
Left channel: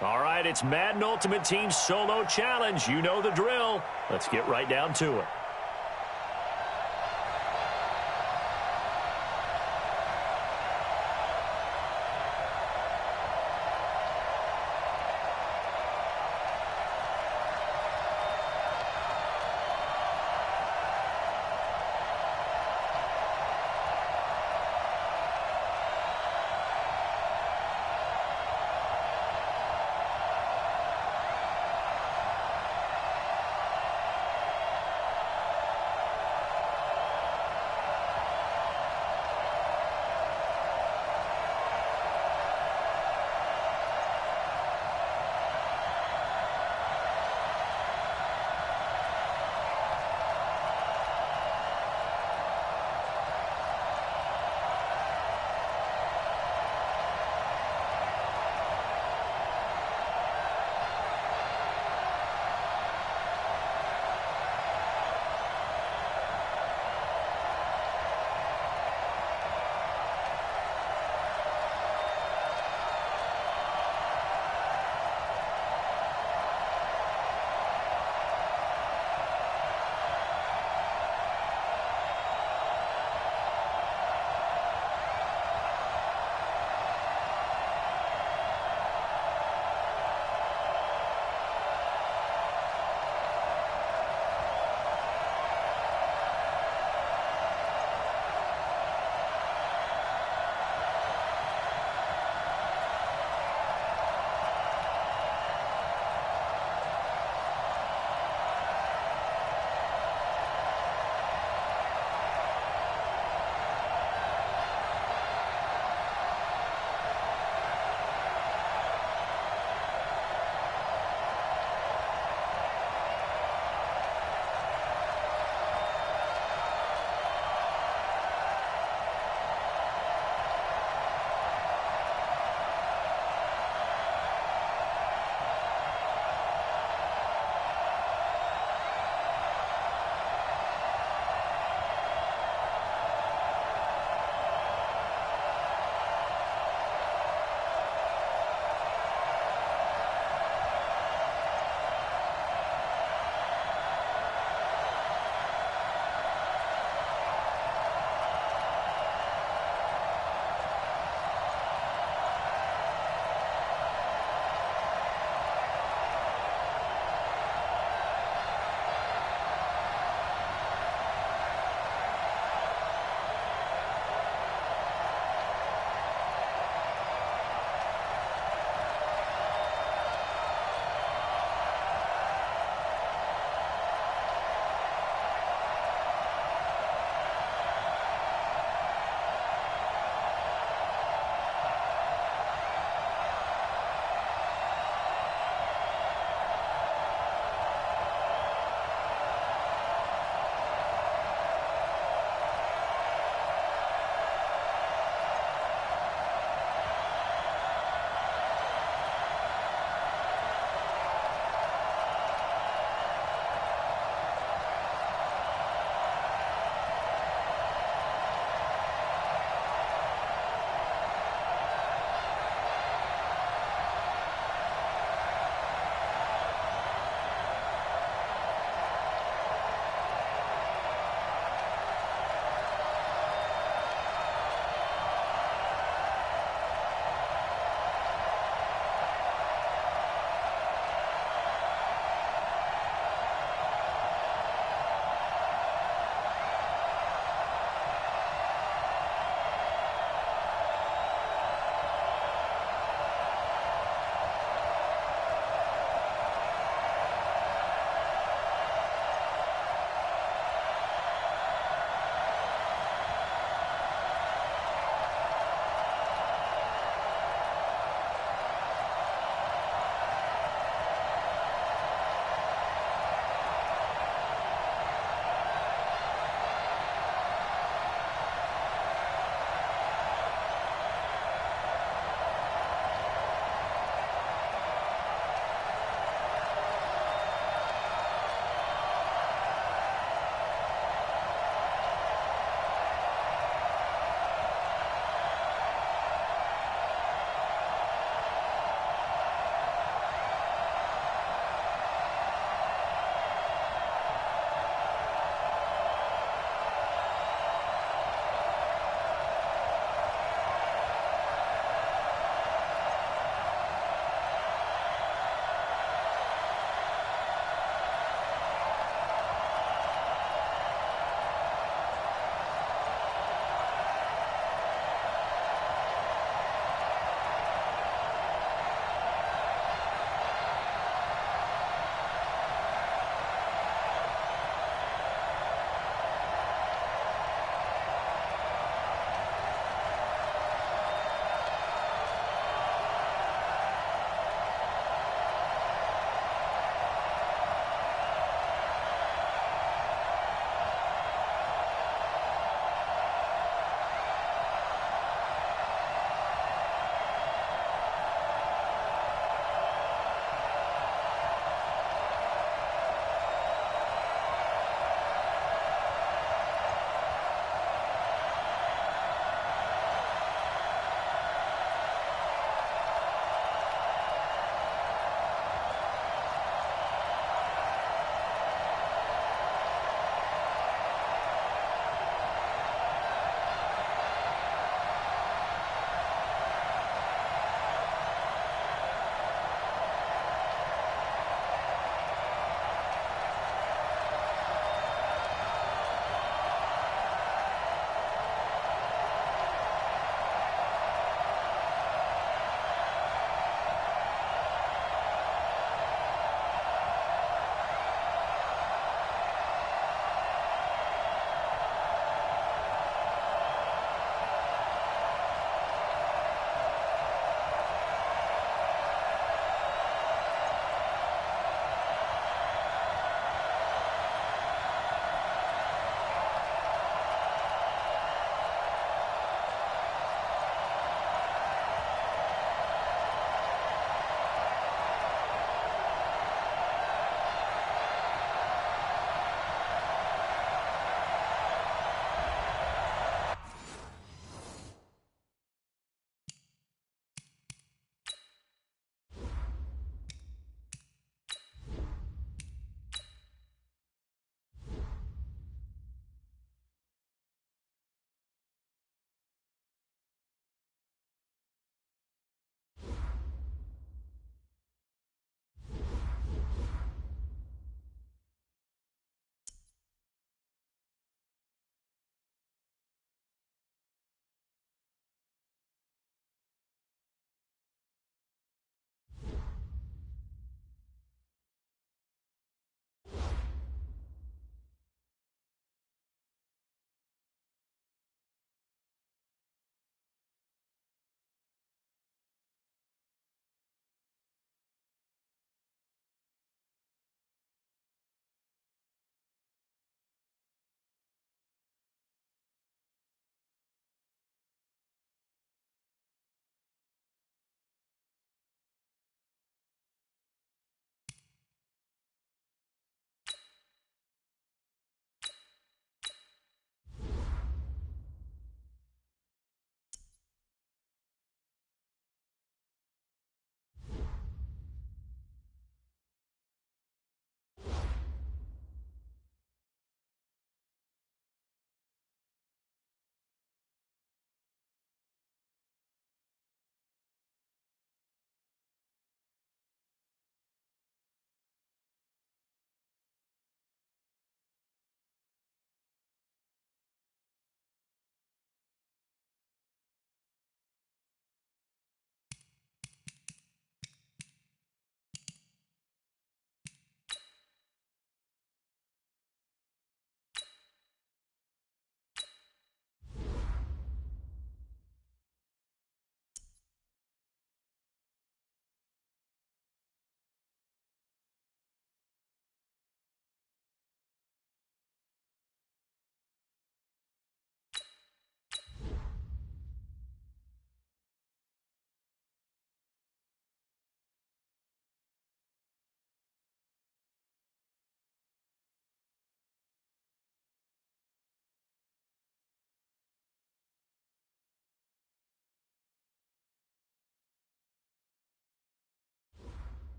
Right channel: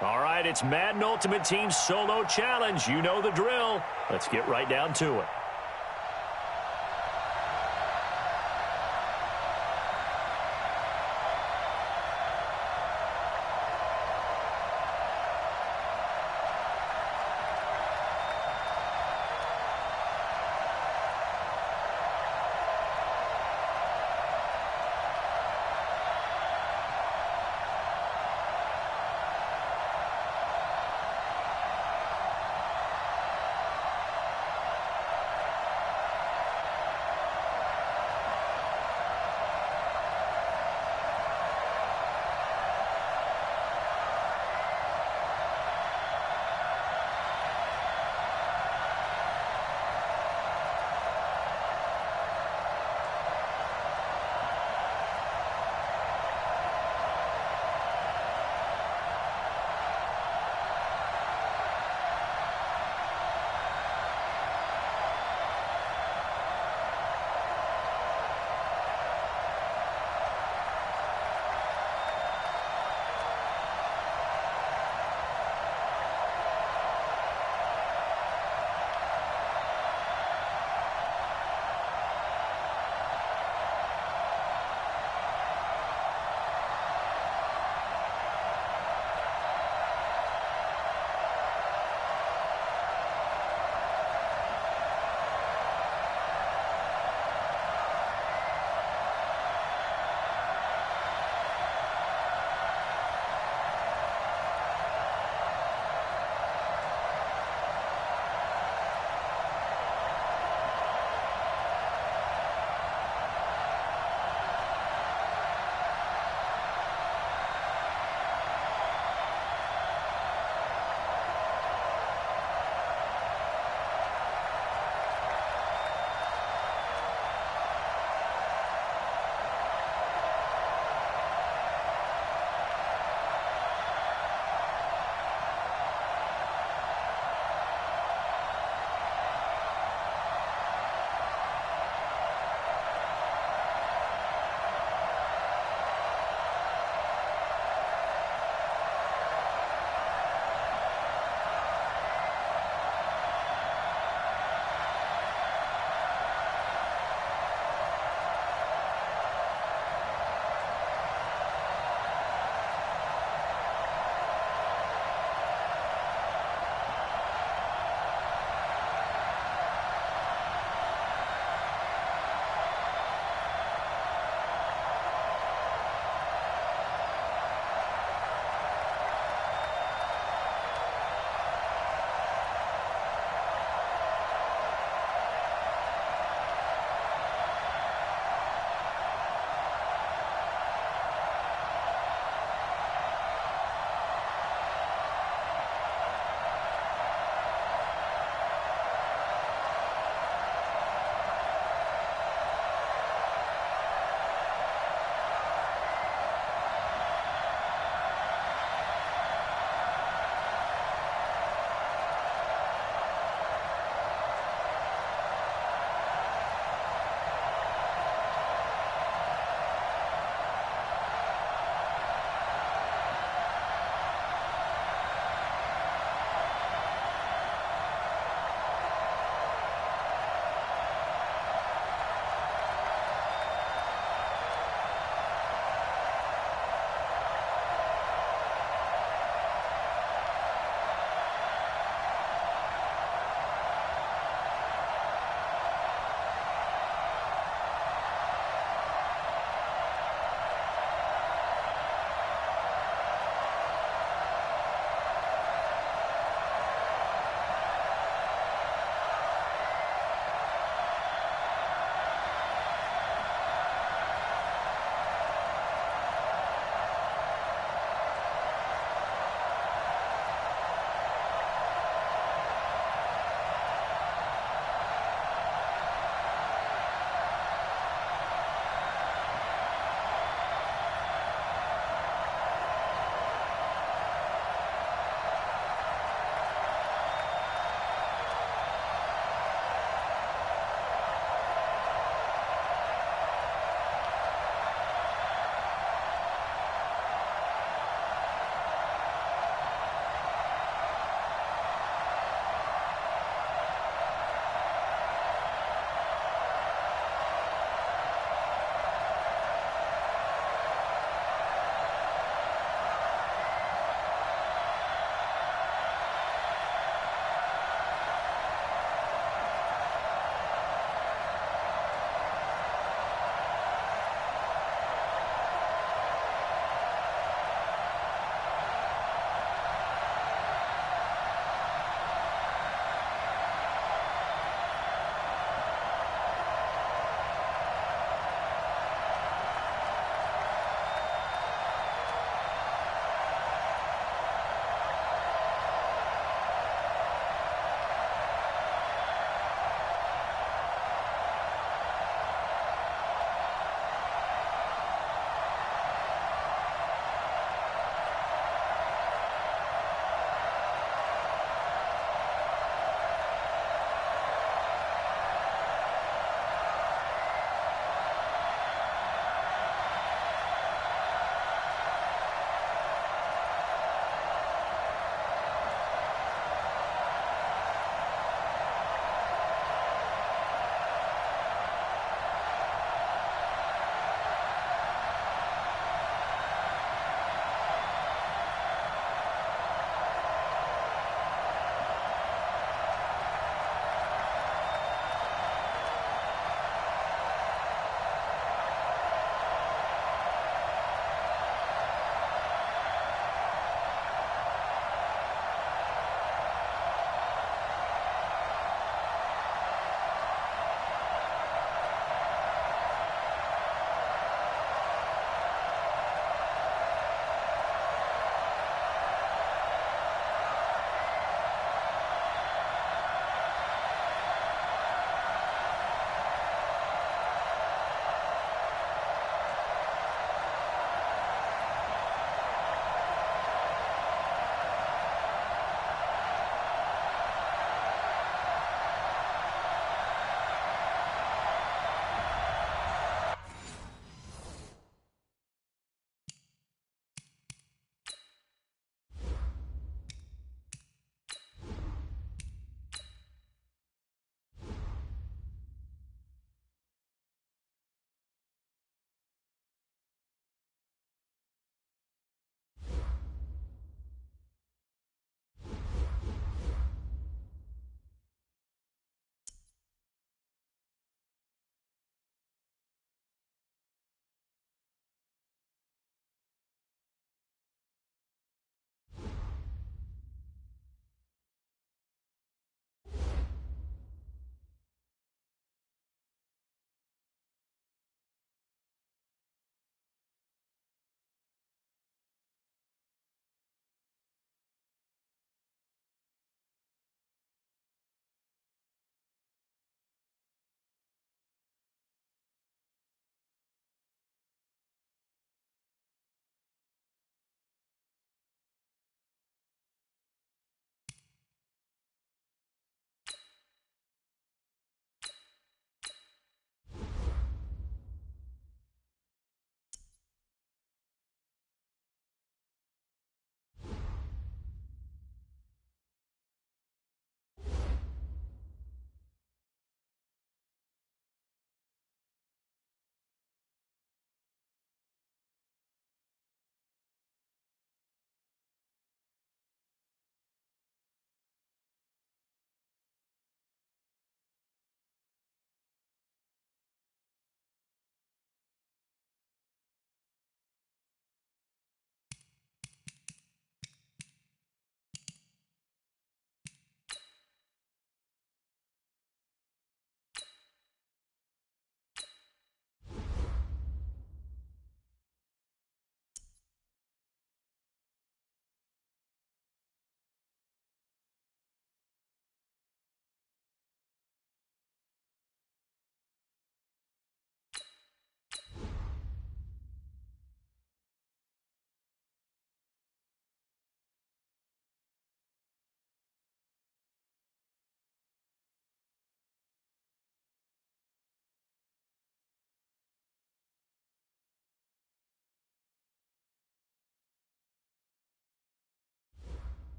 All right, it's Madden Ultimate Team Solo Challenge. You know the drill. Let's get right down to it.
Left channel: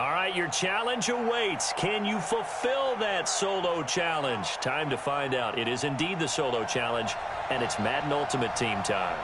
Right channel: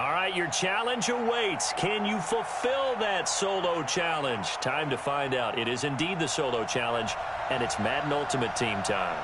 All right, your challenge awaits. Can you fulfill that solo challenge? Time to find out. It is indeed the solo challenge, and it's Madden Ultimate Team time.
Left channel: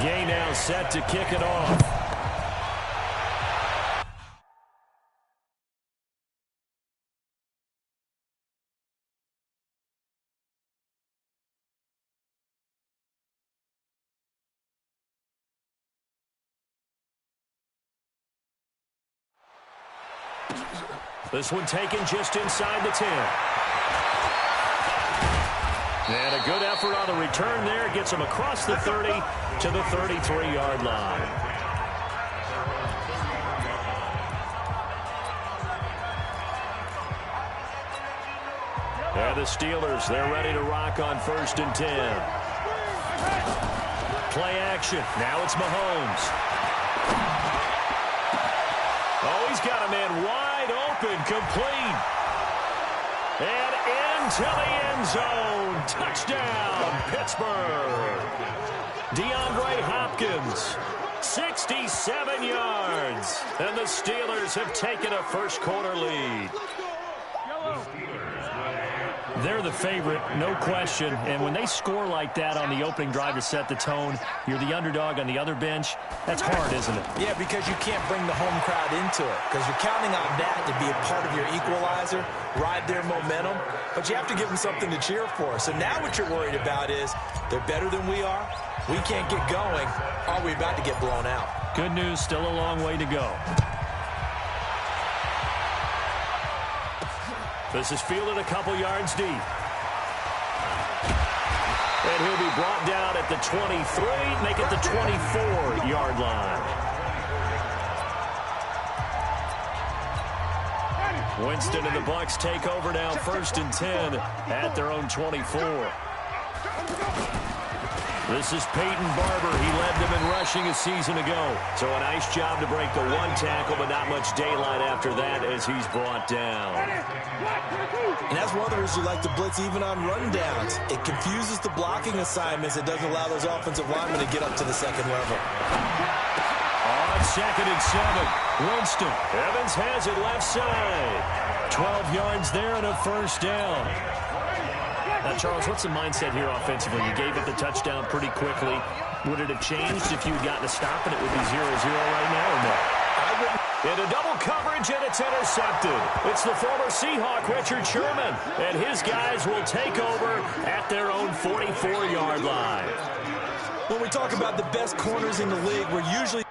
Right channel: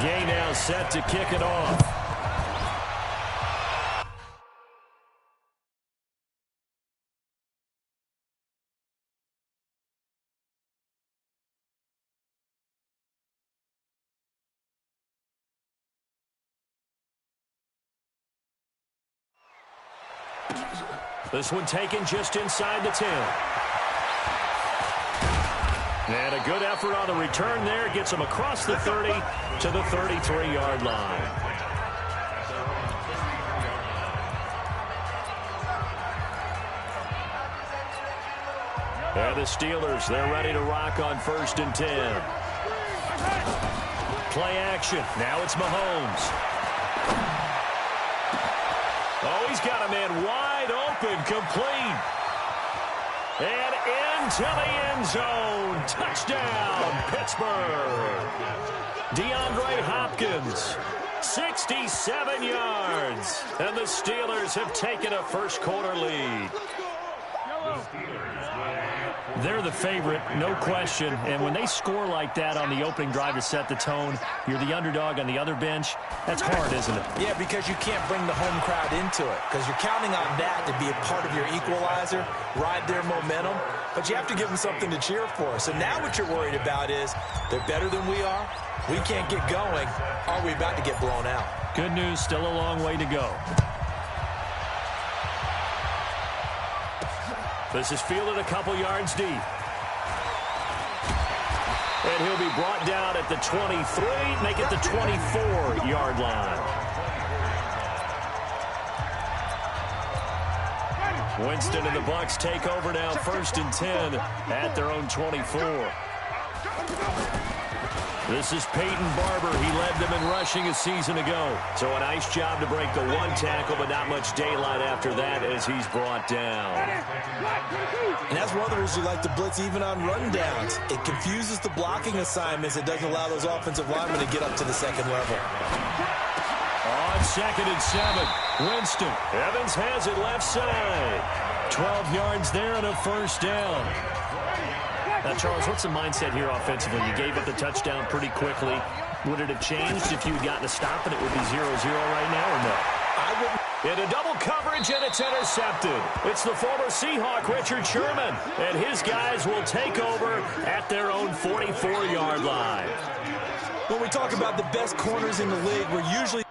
Gay now set to kick it off. This one taken just inside the 10. And a good effort on the return there. Gets him across the 30 to the 33-yard line. And the Steelers, they're ready to rock on 1st and 10. Play action. Now it's Mahomes. Oh, he's got a man wide open, complete. And into the end zone. Touchdown, Pittsburgh. DeAndre Hopkins, 67 yards. And the Steelers have taken a first-quarter lead. They're the favorite, no question. And when they score like that on the opening drive to set the tone, you're the underdog on the other bench. That's hard, isn't it? Yeah, because you can't bring the home crowd into it, because you're counting on that to be a part of your equalizer, ride their momentum. But you have to give them something to cheer for. So now what you're worried about is they're better than we are. We can't get going. Are we about to get blown out? Good news, still a long way to go. This is fielded a couple yards deep. And he'll be brought down at the 23, make it the 24-yard line. Winston and the Bucs take over now, 1st and 10 at their own 24. This is Peyton Barber. He led them in rushing a season ago. So a nice job to break the one tackle, but not much daylight after that as he's brought down. And that's one of the reasons you like to blitz even on rundowns. It confuses the blocking assignments. It doesn't allow those offensive linemen to get up to the second level. On 2nd and 7, Winston. Evans has it left side. 12 yards there and a first down. Now, Charles, what's the mindset here offensively? You gave up the touchdown pretty quickly. Would it have changed if you had gotten a stop and it would be 0-0 right now, or no? I wouldn't. In a double coverage, and it's intercepted. It's the former Seahawk, Richard Sherman, and his guys will take over at their own 44-yard line. When we talk about the best corners in the league, we're usually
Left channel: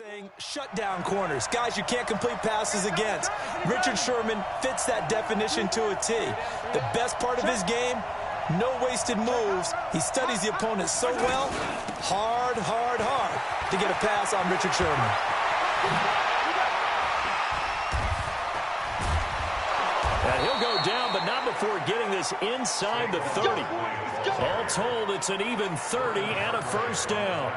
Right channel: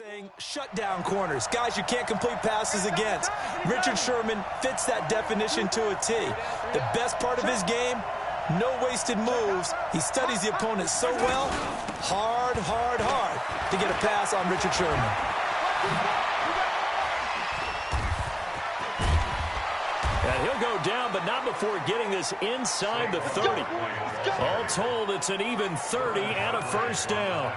saying shut down corners, guys you can't complete passes against. Richard Sherman fits that definition to a T. The best part of his game, no wasted moves. He studies the opponent so well, hard to get a pass on Richard Sherman. And he'll go down, but not before getting this inside the 30. All told, it's an even 30 and a first down.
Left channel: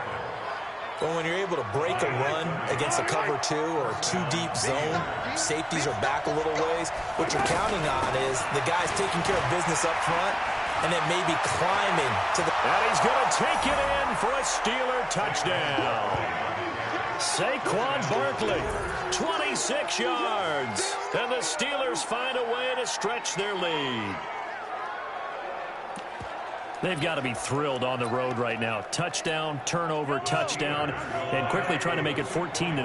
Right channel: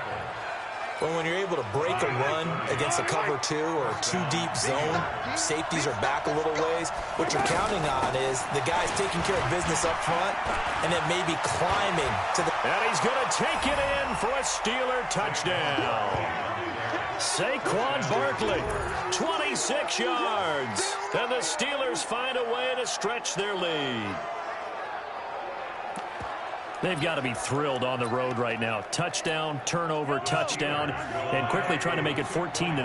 Well, when you're able to break a run against a cover 2 or a 2-deep zone, safeties are back a little ways. What you're counting on is the guy's taking care of business up front and then maybe climbing to the... And he's going to take it in for a Steeler touchdown. Saquon Barkley, 26 yards. And the Steelers find a way to stretch their lead. They've got to be thrilled on the road right now. Touchdown, turnover, touchdown, and quickly trying to make it 14-0.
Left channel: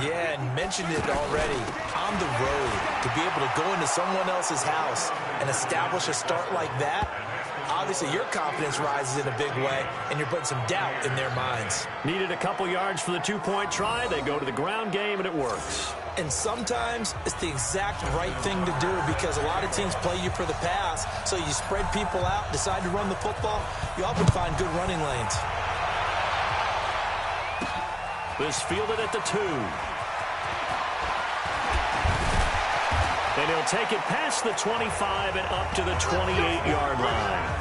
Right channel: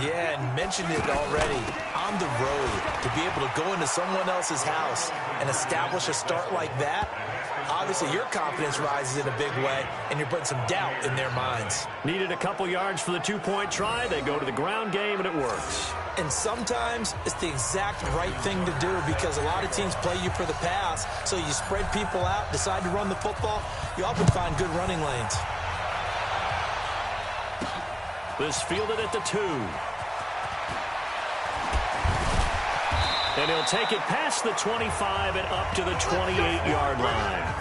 Yeah, and mentioned it already. On the road, to be able to go into someone else's house and establish a start like that, obviously your confidence rises in a big way, and you're putting some doubt in their minds. Needed a couple yards for the two-point try. They go to the ground game, and it works. And sometimes it's the exact right thing to do because a lot of teams play you for the pass, so you spread people out, decide to run the football. You often find good running lanes. This fielded at the 2. And he'll take it past the 25 and up to the 28-yard line.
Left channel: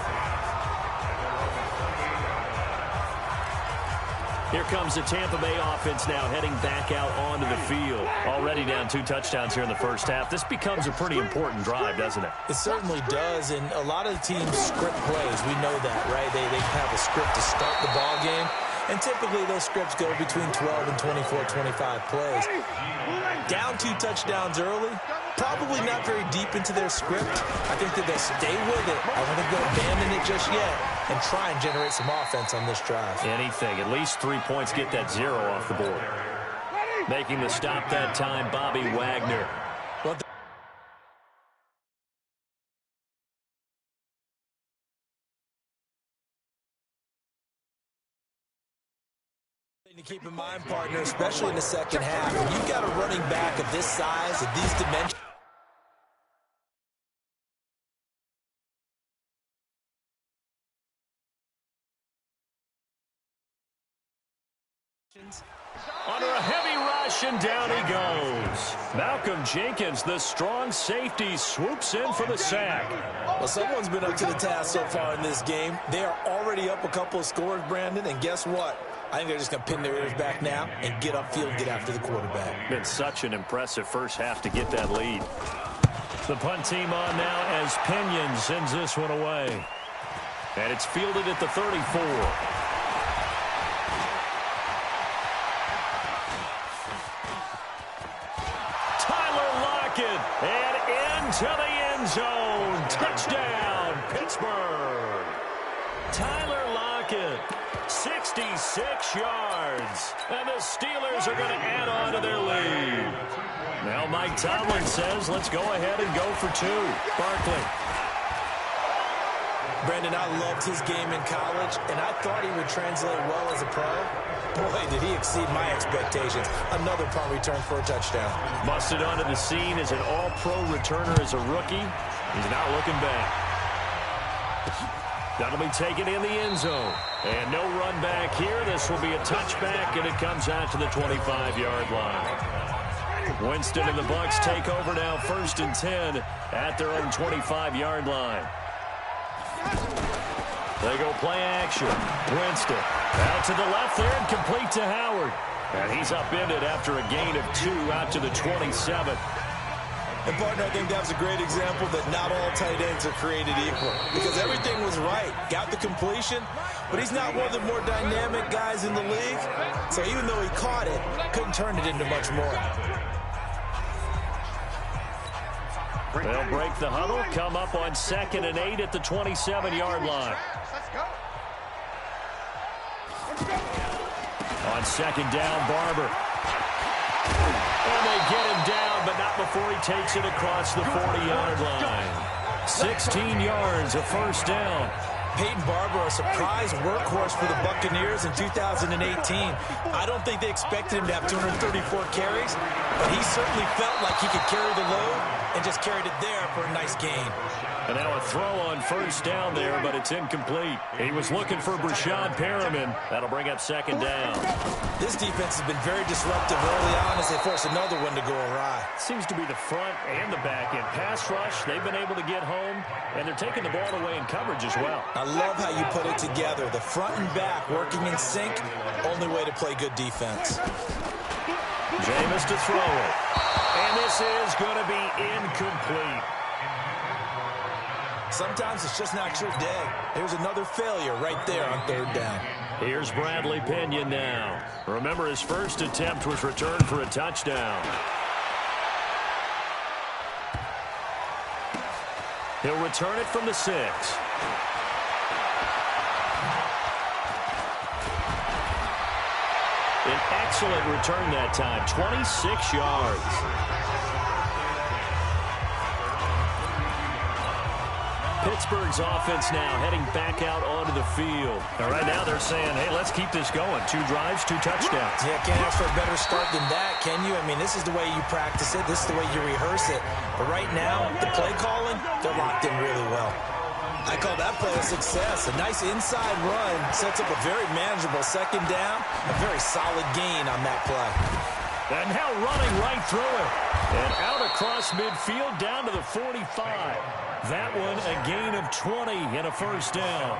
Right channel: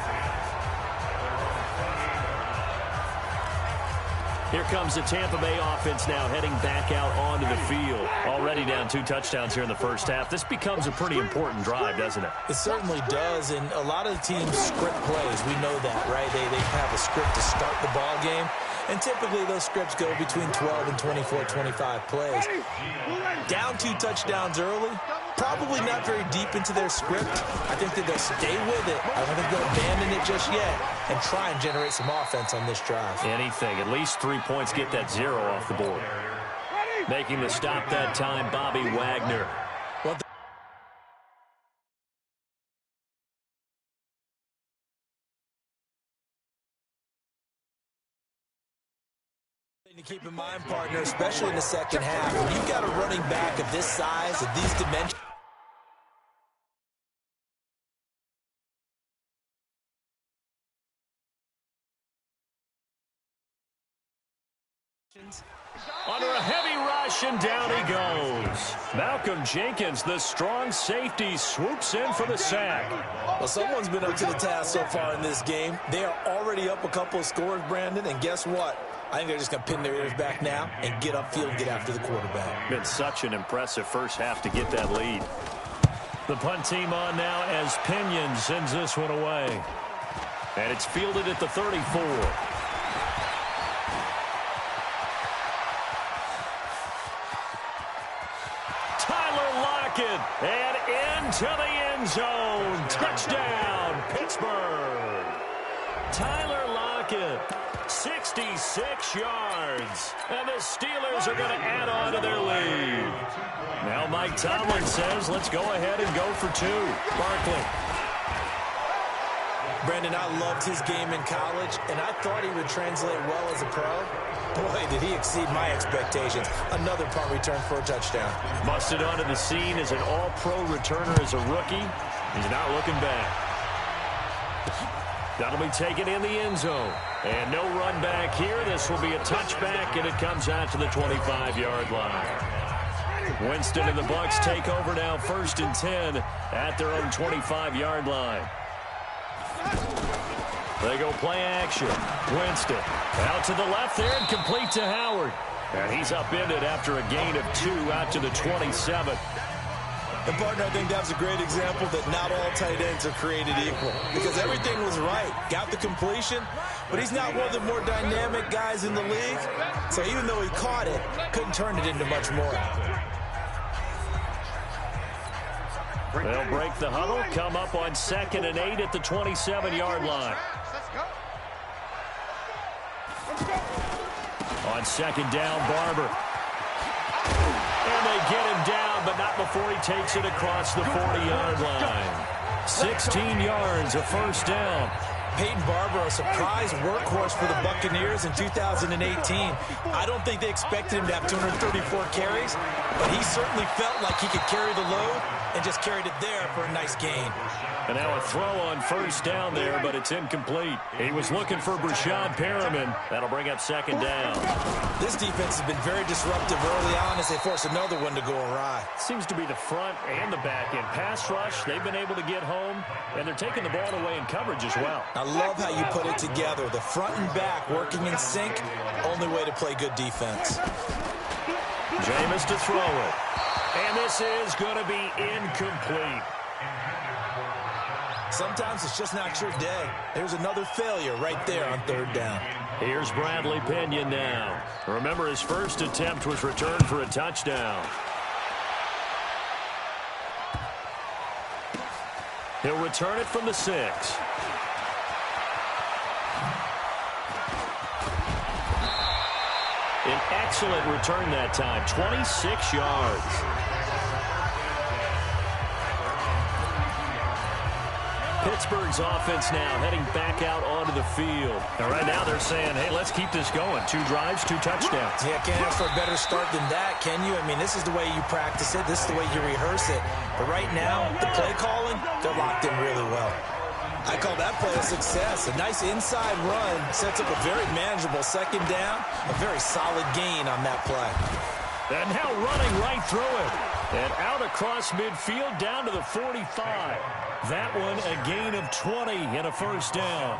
Here comes the Tampa Bay offense now heading back out onto the field. Already down 2 touchdowns here in the first half. This becomes a pretty important drive, doesn't it? It certainly does, and a lot of the teams script plays. We know that, right? They have a script to start the ball game, and typically those scripts go between 12 and 24, 25 plays. Down 2 touchdowns early, probably not very deep into their script. I think that they'll stay with it. I don't think they'll abandon it just yet and try and generate some offense on this drive. Anything. At least 3 points, get that 0 off the board. Making the stop that time, Bobby Wagner. To keep in mind, partner, especially in the second half, when you've got a running back of this size, of these dimensions, under a heavy rush, and down he goes. Malcolm Jenkins, the strong safety, swoops in for the sack. Well, someone's been up to the task so far in this game. They are already up a couple of scores, Brandon, and guess what? I think they're just going to pin their ears back now and get upfield and get after the quarterback. Been such an impressive first half to get that lead. The punt team on now as Pinion sends this one away. And it's fielded at the 34. And into the end zone. Touchdown, Pittsburgh. Tyler Lockett, 66 yards. And the Steelers are going to add on to their lead. Now Mike Tomlin says, let's go ahead and go for 2. Barkley. Brandon, I loved his game in college, and I thought he would translate well as a pro. Boy, did he exceed my expectations. Another punt return for a touchdown. Busted onto the scene as an all-pro returner as a rookie. He's not looking back. That'll be taken in the end zone. And no run back here. This will be a touchback, and it comes out to the 25-yard line. Winston and the Bucs take over now 1st and 10 at their own 25-yard line. They go play action. Winston out to the left there and complete to Howard. And he's upended after a gain of 2 out to the 27. And, partner, I think that was a great example that not all tight ends are created equal because everything was right. Got the completion, but he's not one of the more dynamic guys in the league. So even though he caught it, couldn't turn it into much more. They'll break the huddle, come up on 2nd and 8 at the 27-yard line. On 2nd down, Barber. And they get him down, but not before he takes it across the 40-yard line. 16 yards, a first down. Peyton Barber, a surprise workhorse for the Buccaneers in 2018. I don't think they expected him to have 234 carries, but he certainly felt like he could carry the load and just carried it there for a nice gain. And now a throw on first down there, but it's incomplete. He was looking for Brashad Perriman. That'll bring up second down. This defense has been very disruptive early on as they force another one to go awry. Seems to be the front and the back end. Pass rush, they've been able to get home, and they're taking the ball away in coverage as well. I love how you put it together. The front and back working in sync, only way to play good defense. Jameis to throw it. And this is going to be incomplete. Sometimes it's just not your day. There's another failure right there on third down. Here's Bradley Pinion now. Remember, his first attempt was returned for a touchdown. He'll return it from the 6. An excellent return that time, 26 yards. Pittsburgh's offense now heading back out onto the field. And right now they're saying, hey, let's keep this going. 2 drives, 2 touchdowns. Yeah, can't ask for a better start than that, can you? I mean, this is the way you practice it. This is the way you rehearse it. But right now, the play calling, they're locked in really well. I call that play a success. A nice inside run sets up a very manageable second down. A very solid gain on that play. And now running right through it. And out across midfield down to the 45. That one a gain of 20 and a first down.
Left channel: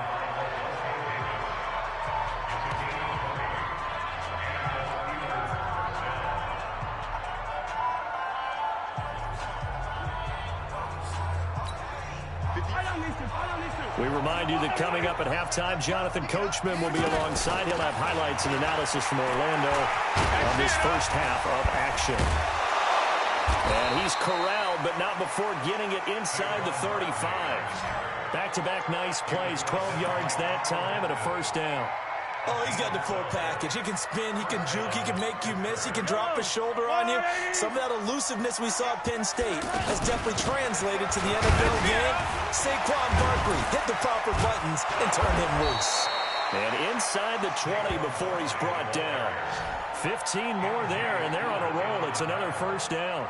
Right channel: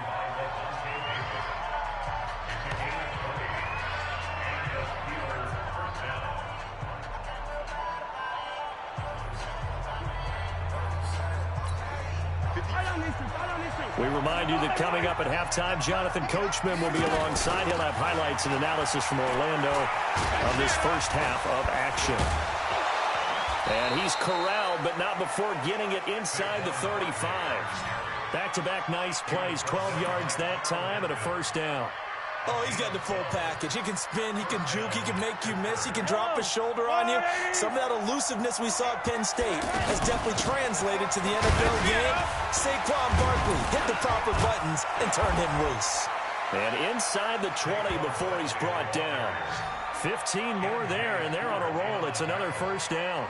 We remind you that coming up at halftime, Jonathan Coachman will be alongside. He'll have highlights and analysis from Orlando of this first half of action. And he's corralled, but not before getting it inside the 35. Back-to-back nice plays, 12 yards that time and a first down. Oh, he's got the full package. He can spin, he can juke, he can make you miss, he can drop his shoulder on you. Some of that elusiveness we saw at Penn State has definitely translated to the NFL game. Saquon Barkley hit the proper buttons and turned him loose. And inside the 20 before he's brought down. 15 more there, and they're on a roll. It's another first down.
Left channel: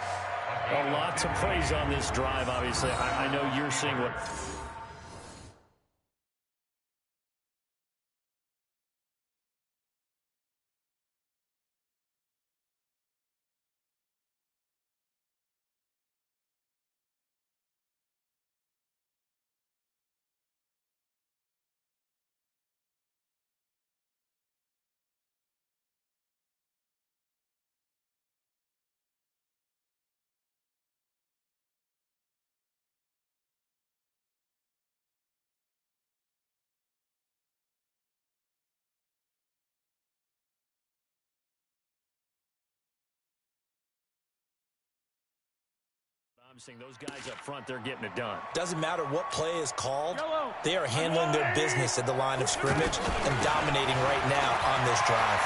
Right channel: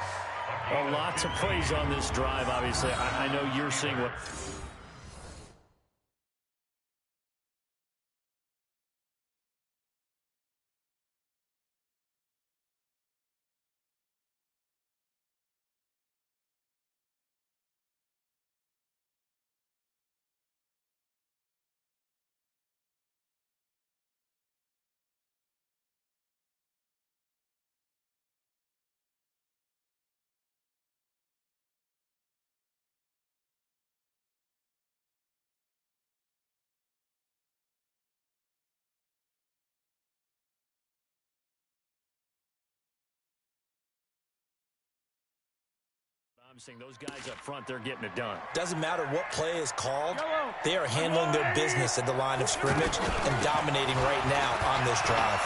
A lot to praise on this drive, obviously. I know you're seeing what... I'm seeing those guys up front, they're getting it done. Doesn't matter what play is called, they are handling their business at the line of scrimmage and dominating right now on this drive.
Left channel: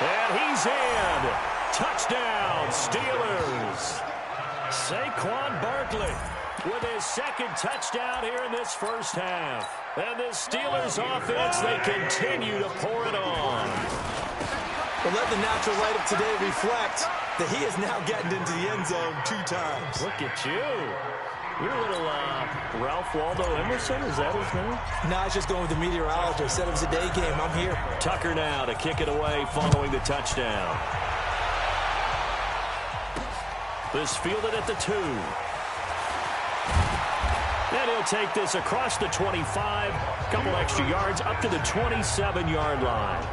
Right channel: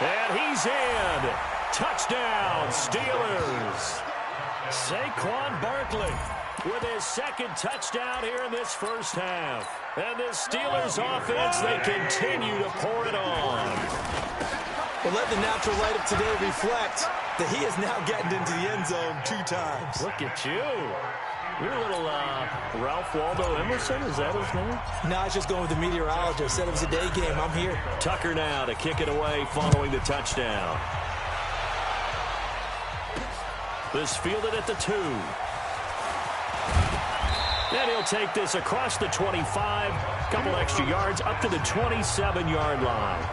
And he's in. Touchdown, Steelers. Saquon Barkley with his second touchdown here in this first half. And the Steelers offense, they continue to pour it on. Well, let the natural light of today reflect that he has now gotten into the end zone 2 times. Look at you. You're a little Ralph Waldo Emerson, is that his name? No, I was just going with the meteorologist. Said it was a day game. I'm here. Tucker now to kick it away following the touchdown. This fielded at the 2. And he'll take this across the 25. Couple extra yards up to the 27-yard line.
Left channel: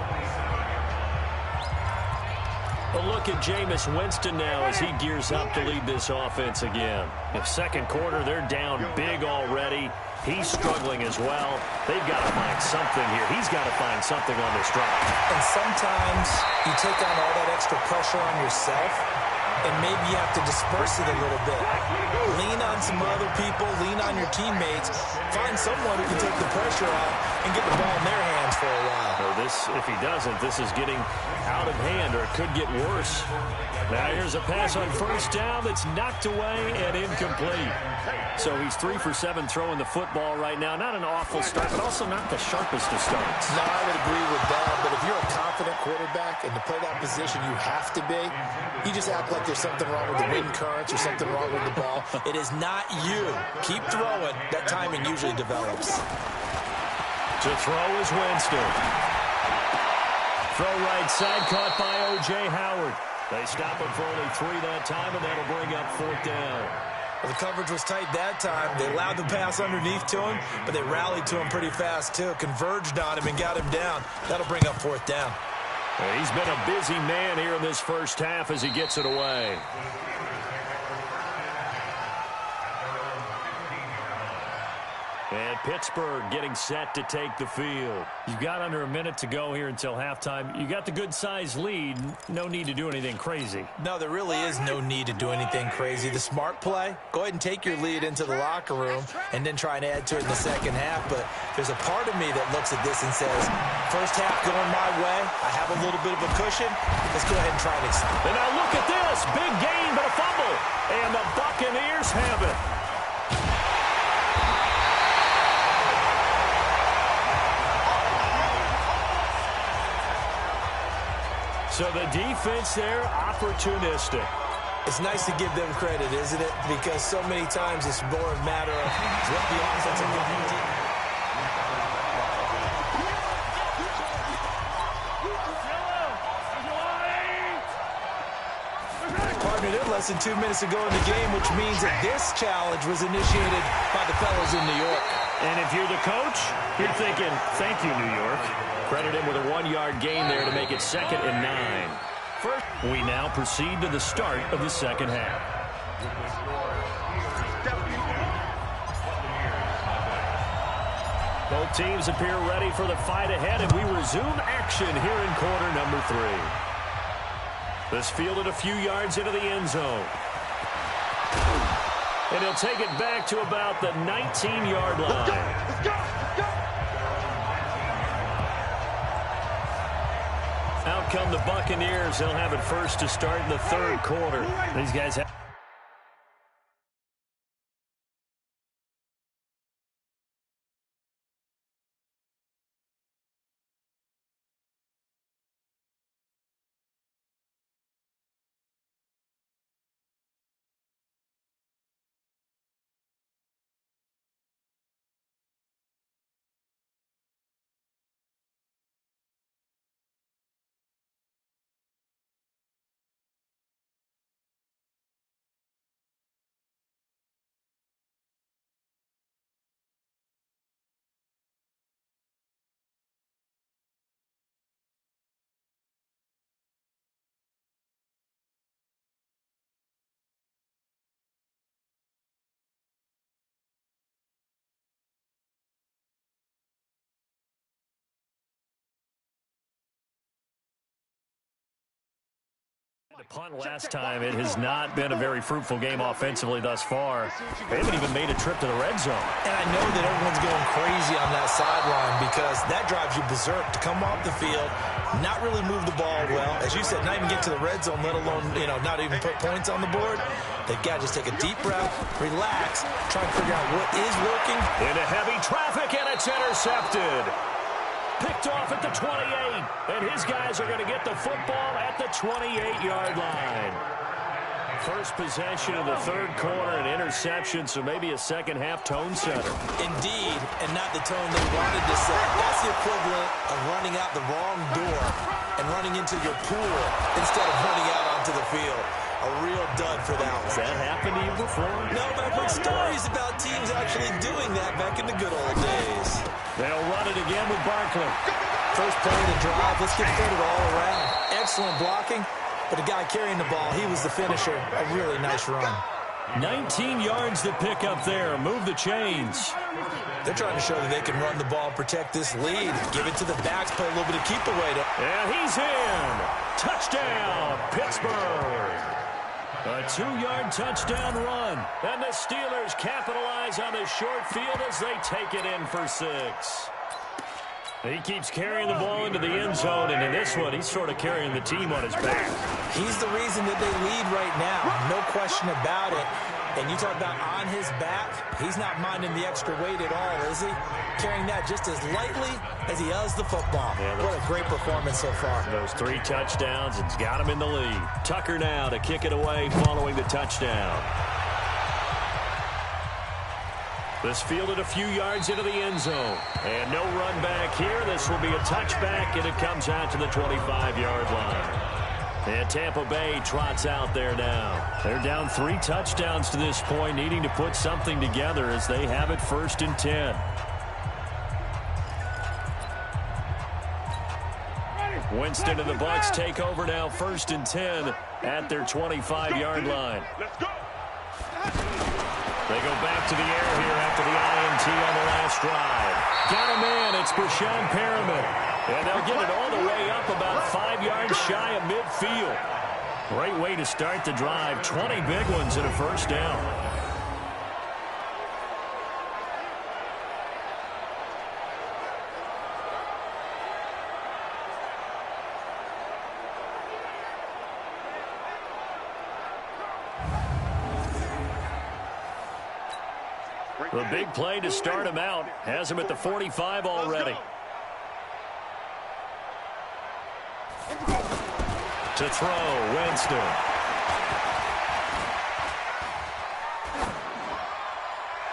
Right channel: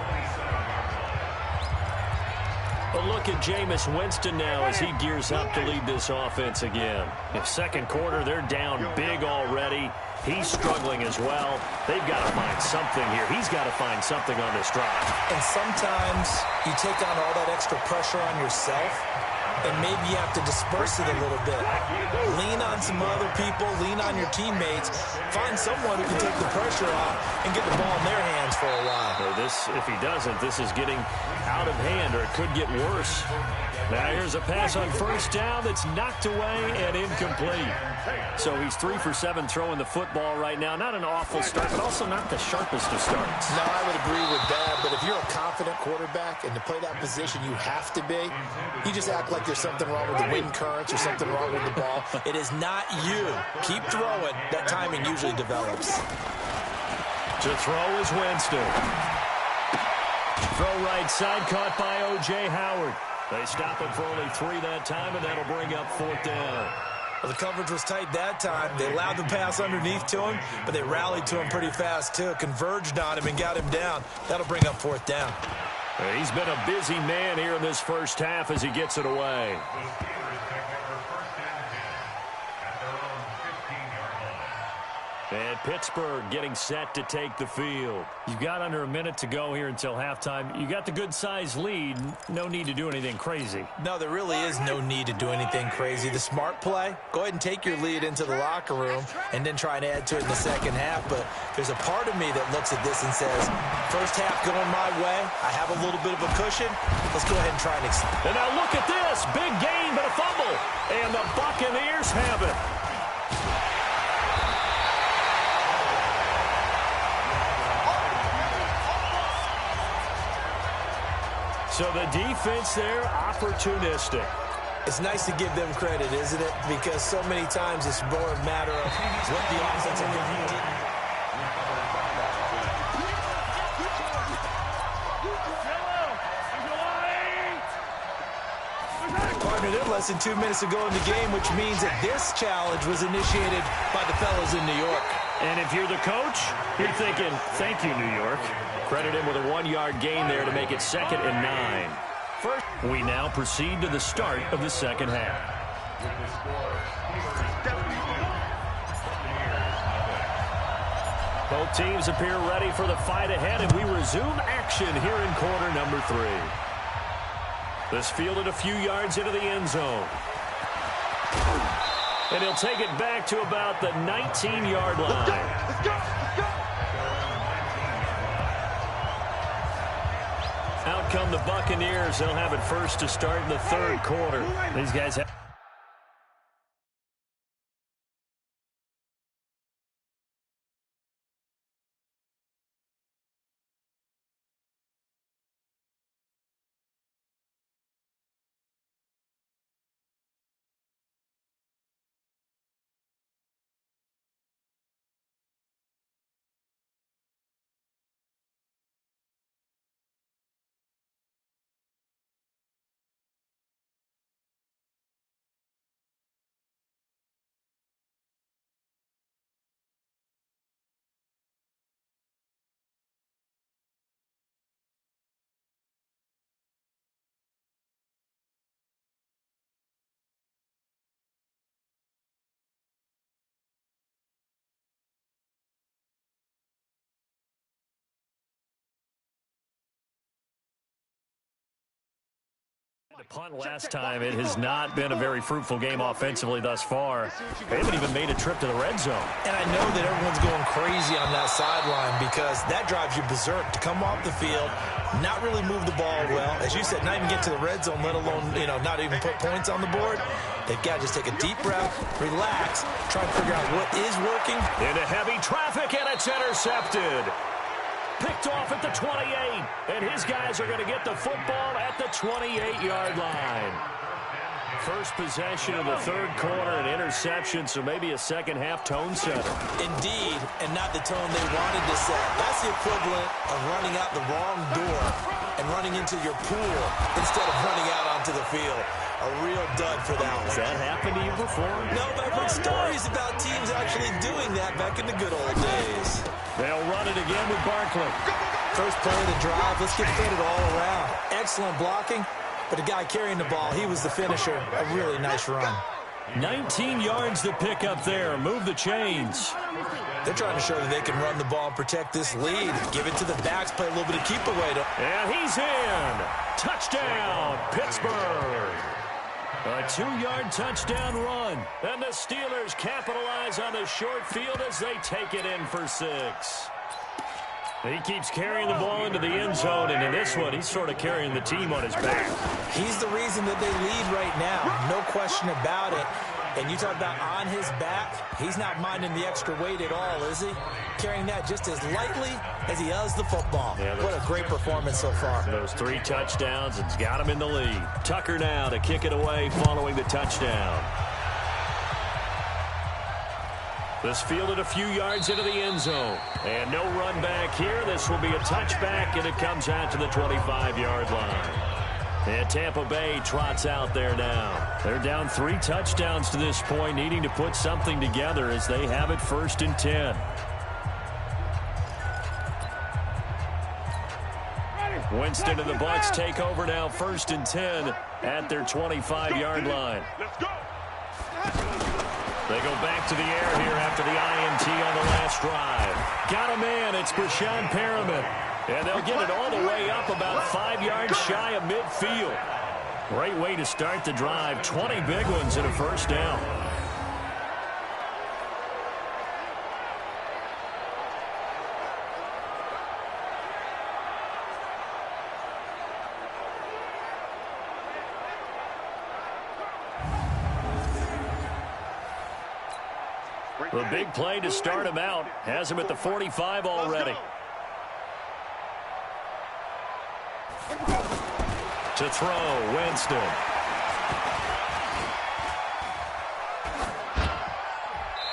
A look at Jameis Winston now as he gears up to lead this offense again. In second quarter, they're down big already. He's struggling as well. They've got to find something here. He's got to find something on this drive. And sometimes you take on all that extra pressure on yourself, and maybe you have to disperse it a little bit. Lean on some other people, lean on your teammates, find someone who can take the pressure off and get the ball in their hands for a while. If he doesn't, this is getting out of hand, or it could get worse. Now here's a pass on first down that's knocked away and incomplete. So he's 3 for 7 throwing the football right now. Not an awful start, but also not the sharpest of starts. No, I would agree with that, but if you're a confident quarterback and to play that position you have to be, you just act like there's something wrong with the wind currents or something wrong with the ball. It is not you. Keep throwing. That timing usually develops. To throw is Winston. Throw right side, caught by O.J. Howard. They stop him for only 3 that time, and that'll bring up 4th down. Well, the coverage was tight that time. They allowed the pass underneath to him, but they rallied to him pretty fast, too. Converged on him and got him down. That'll bring up 4th down. He's been a busy man here in this first half as he gets it away. And Pittsburgh getting set to take the field. You've got under a minute to go here until halftime. You got the good-sized lead. No need to do anything crazy. No, there really is no need to do anything crazy. The smart play, go ahead and take your lead into the locker room and then try and add to it in the second half. But there's a part of me that looks at this and says, first half going my way. I have a little bit of a cushion. Let's go ahead and try and extend. And now look at this. Big gain, but a fumble. And the Buccaneers have it. So the defense there, opportunistic. It's nice to give them credit, isn't it? Because so many times it's more a matter of what the offensive line did. Partner, they're less than 2 minutes to go in the game, which means that this challenge was initiated by the fellows in New York. And if you're the coach, you're thinking, thank you, New York. Credit him with a 1-yard gain there to make it 2nd and 9. First, we now proceed to the start of the second half. Both teams appear ready for the fight ahead, and we resume action here in quarter number 3. This fielded a few yards into the end zone. And he'll take it back to about the 19-yard line. Let's go! Out come the Buccaneers. They'll have it first to start in the third quarter. These guys have... Punt last time. It has not been a very fruitful game offensively thus far. They haven't even made a trip to the red zone. And I know that everyone's going crazy on that sideline because that drives you berserk to come off the field, not really move the ball well. As you said, not even get to the red zone, let alone, not even put points on the board. They've got to just take a deep breath, relax, try and figure out what is working. Into heavy traffic, and it's intercepted. Picked off at the 28, and his guys are going to get the football at the 28-yard line. First possession of the third quarter, an interception, so maybe a second-half tone setter. Indeed, and not the tone they wanted to set. That's the equivalent of running out the wrong door and running into your pool instead of running out onto the field. A real dud for that one. Has that happened to you before? No, but I've heard stories about teams actually doing that back in the good old days. They'll run it again with Barkley. First play of the drive. Let's get fitted all around. Excellent blocking, but the guy carrying the ball, he was the finisher. A really nice run. 19 yards to pick up there. Move the chains. They're trying to show that they can run the ball and protect this lead. Give it to the backs, play a little bit of keep away. And he's in. Touchdown, Pittsburgh. A 2-yard touchdown run. And the Steelers capitalize on the short field as they take it in for 6. He keeps carrying the ball into the end zone, and in this one, he's sort of carrying the team on his back. He's the reason that they lead right now. No question about it. And you talk about on his back, he's not minding the extra weight at all, is he? Carrying that just as lightly as he does the football. Yeah, what a great performance so far. Those 3 touchdowns, it's got him in the lead. Tucker now to kick it away following the touchdown. This fielded a few yards into the end zone. And no run back here. This will be a touchback, and it comes out to the 25-yard line. And Tampa Bay trots out there now. They're down 3 touchdowns to this point, needing to put something together as they have it 1st and 10. Winston and the Bucs take over now 1st and 10 at their 25-yard line. Let's go. They go back to the air here after the INT on the last drive. Got a man. It's Brashon Perriman. And they'll get it all the way up about 5 yards shy of midfield. Great way to start the drive. 20 big ones and a 1st down. The big play to start him out has him at the 45 already. To throw, Winston.